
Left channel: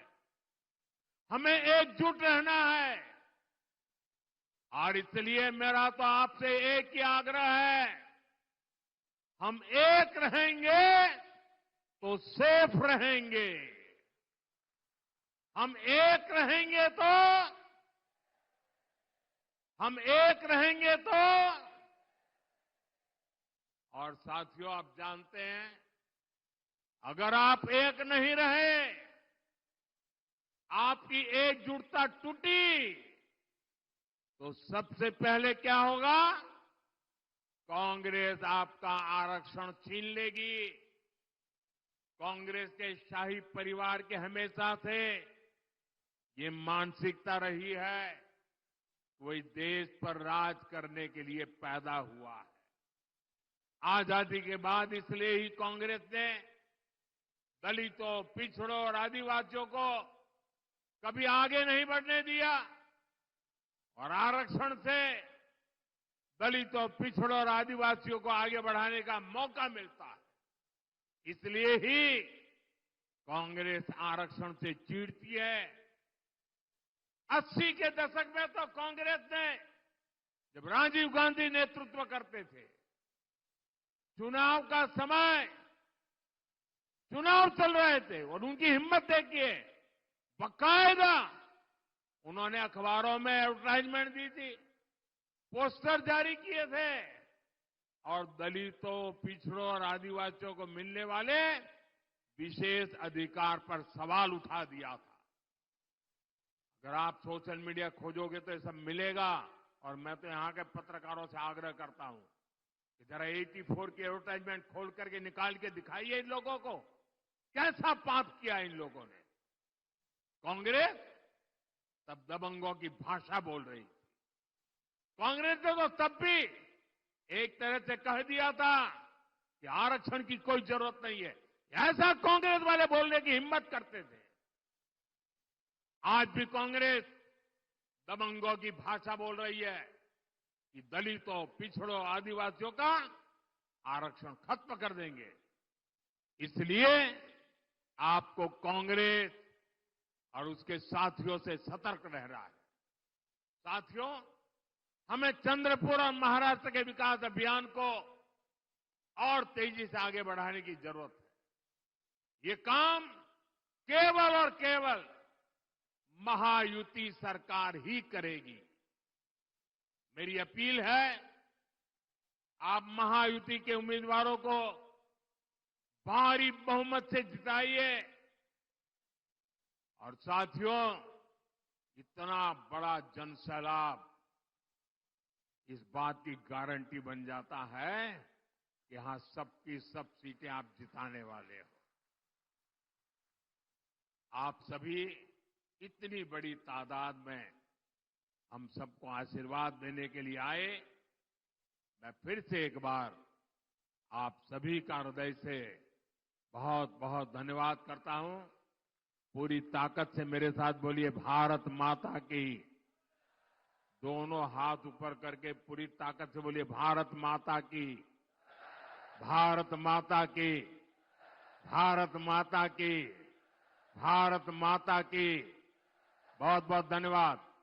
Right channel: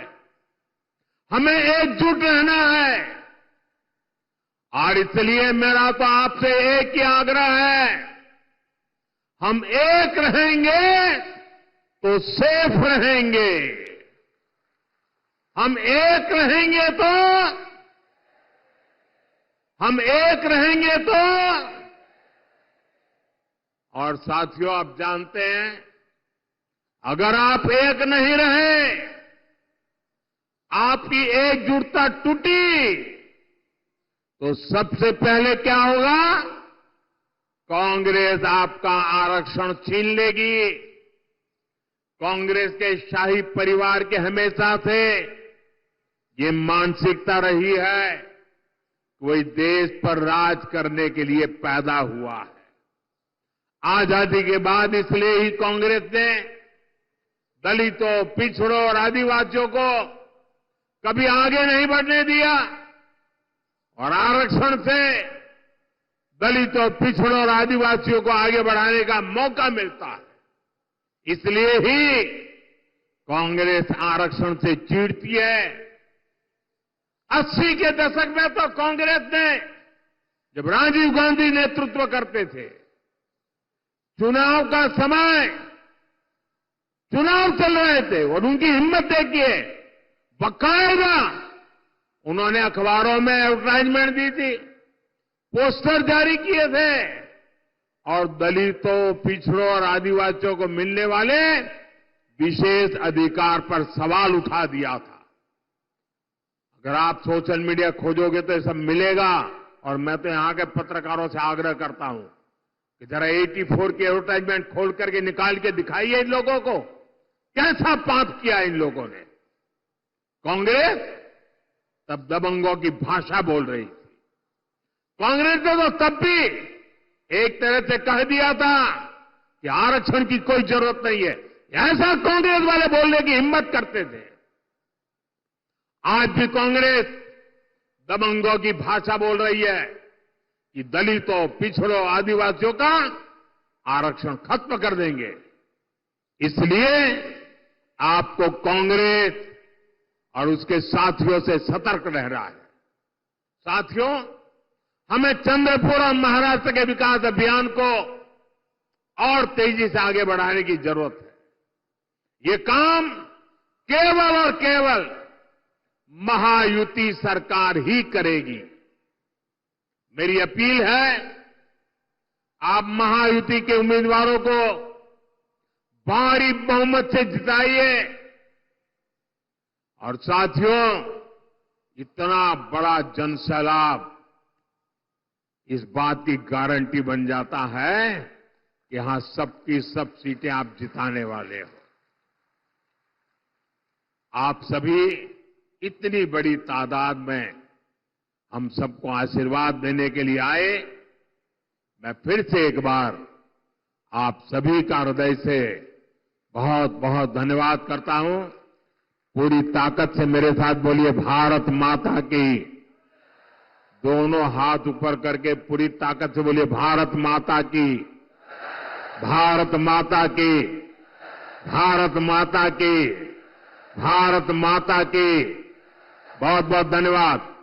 हमें एकजुट रहना है। और इसलिए मेरा तो आपसे एक ही आग्रह है, हम एक रहेंगे तो सेफ रहेंगे, हम एक रहेंगे तो और साथियों, आप जानते हैं, अगर आप एक नहीं रहे, आपकी एकजुटता टूटी, तो सबसे पहले क्या होगा? कांग्रेस आपका आरक्षण छीन लेगी। कांग्रेस के शाही परिवार के हमेशा से ये मानसिकता रही है, कोई देश पर राज करने के लिए पैदा हुआ है। आजादी के बाद इसलिए ही कांग्रेस ने दलितों, पिछड़ों और आदिवासियों को कभी आगे नहीं बढ़ने दिया और आरक्षण से दलितों, पिछड़ों और आदिवासियों को आगे बढ़ाने का मौका मिलता है। इसलिए ही कांग्रेस आरक्षण से चिढ़ती है। 80 के दशक में तो कांग्रेस ने, जब राजीव गांधी नेतृत्व करते थे, चुनाव का समय, चुनाव चल रहे थे और उनकी हिम्मत देखिए, बाकायदा उन्होंने अखबारों में एडवर्टाइजमेंट दी थी, पोस्टर जारी किए थे और दलितों, पिछड़ों और आदिवासियों को मिलने वाले विशेष अधिकार पर सवाल उठा दिया था। अगर आप सोशल मीडिया खोजोगे तो ये सब मिलेगा। और मैं तो यहां के पत्रकारों से आग्रह करता हूं कि जरा 84 की एडवर्टाइजमेंट खोल करके निकाल के दिखाइए इन लोगों को, कैसा पाप किया इन लोगों ने। कांग्रेस तब दबंगों की भाषा बोल रही थी। कांग्रेस ने तो तब भी एक तरह से कह दिया था कि आरक्षण की कोई जरूरत नहीं है, ऐसा कांग्रेस वाले बोलने की हिम्मत करते थे। आज भी कांग्रेस दबंगों की भाषा बोल रही है कि दलितों, पिछड़ों, आदिवासियों का आरक्षण खत्म कर देंगे। इसलिए आपको कांग्रेस और उसके साथियों से सतर्क रहना है। साथियों, हमें चंद्रपुर और महाराष्ट्र के विकास अभियान को और तेजी से आगे बढ़ाने की जरूरत है। ये काम केवल और केवल महायुति सरकार ही करेगी। मेरी अपील है, आप महायुति के उम्मीदवारों को भारी बहुमत से जिताइए। और साथियों, इतना बड़ा जनसैलाब इस बात की गारंटी बन जाता है कि यहां सबकी सब सीटें आप जिताने वाले हो। आप सभी इतनी बड़ी तादाद में हम सबको आशीर्वाद देने के लिए आए। मैं फिर से एक बार आप सभी का हृदय से बहुत बहुत धन्यवाद करता हूं। पूरी ताकत से मेरे साथ बोलिए, भारत माता की। दोनों हाथ ऊपर करके पूरी ताकत से बोलिए, भारत माता की, भारत माता की, भारत माता की, भारत माता की। बहुत बहुत धन्यवाद।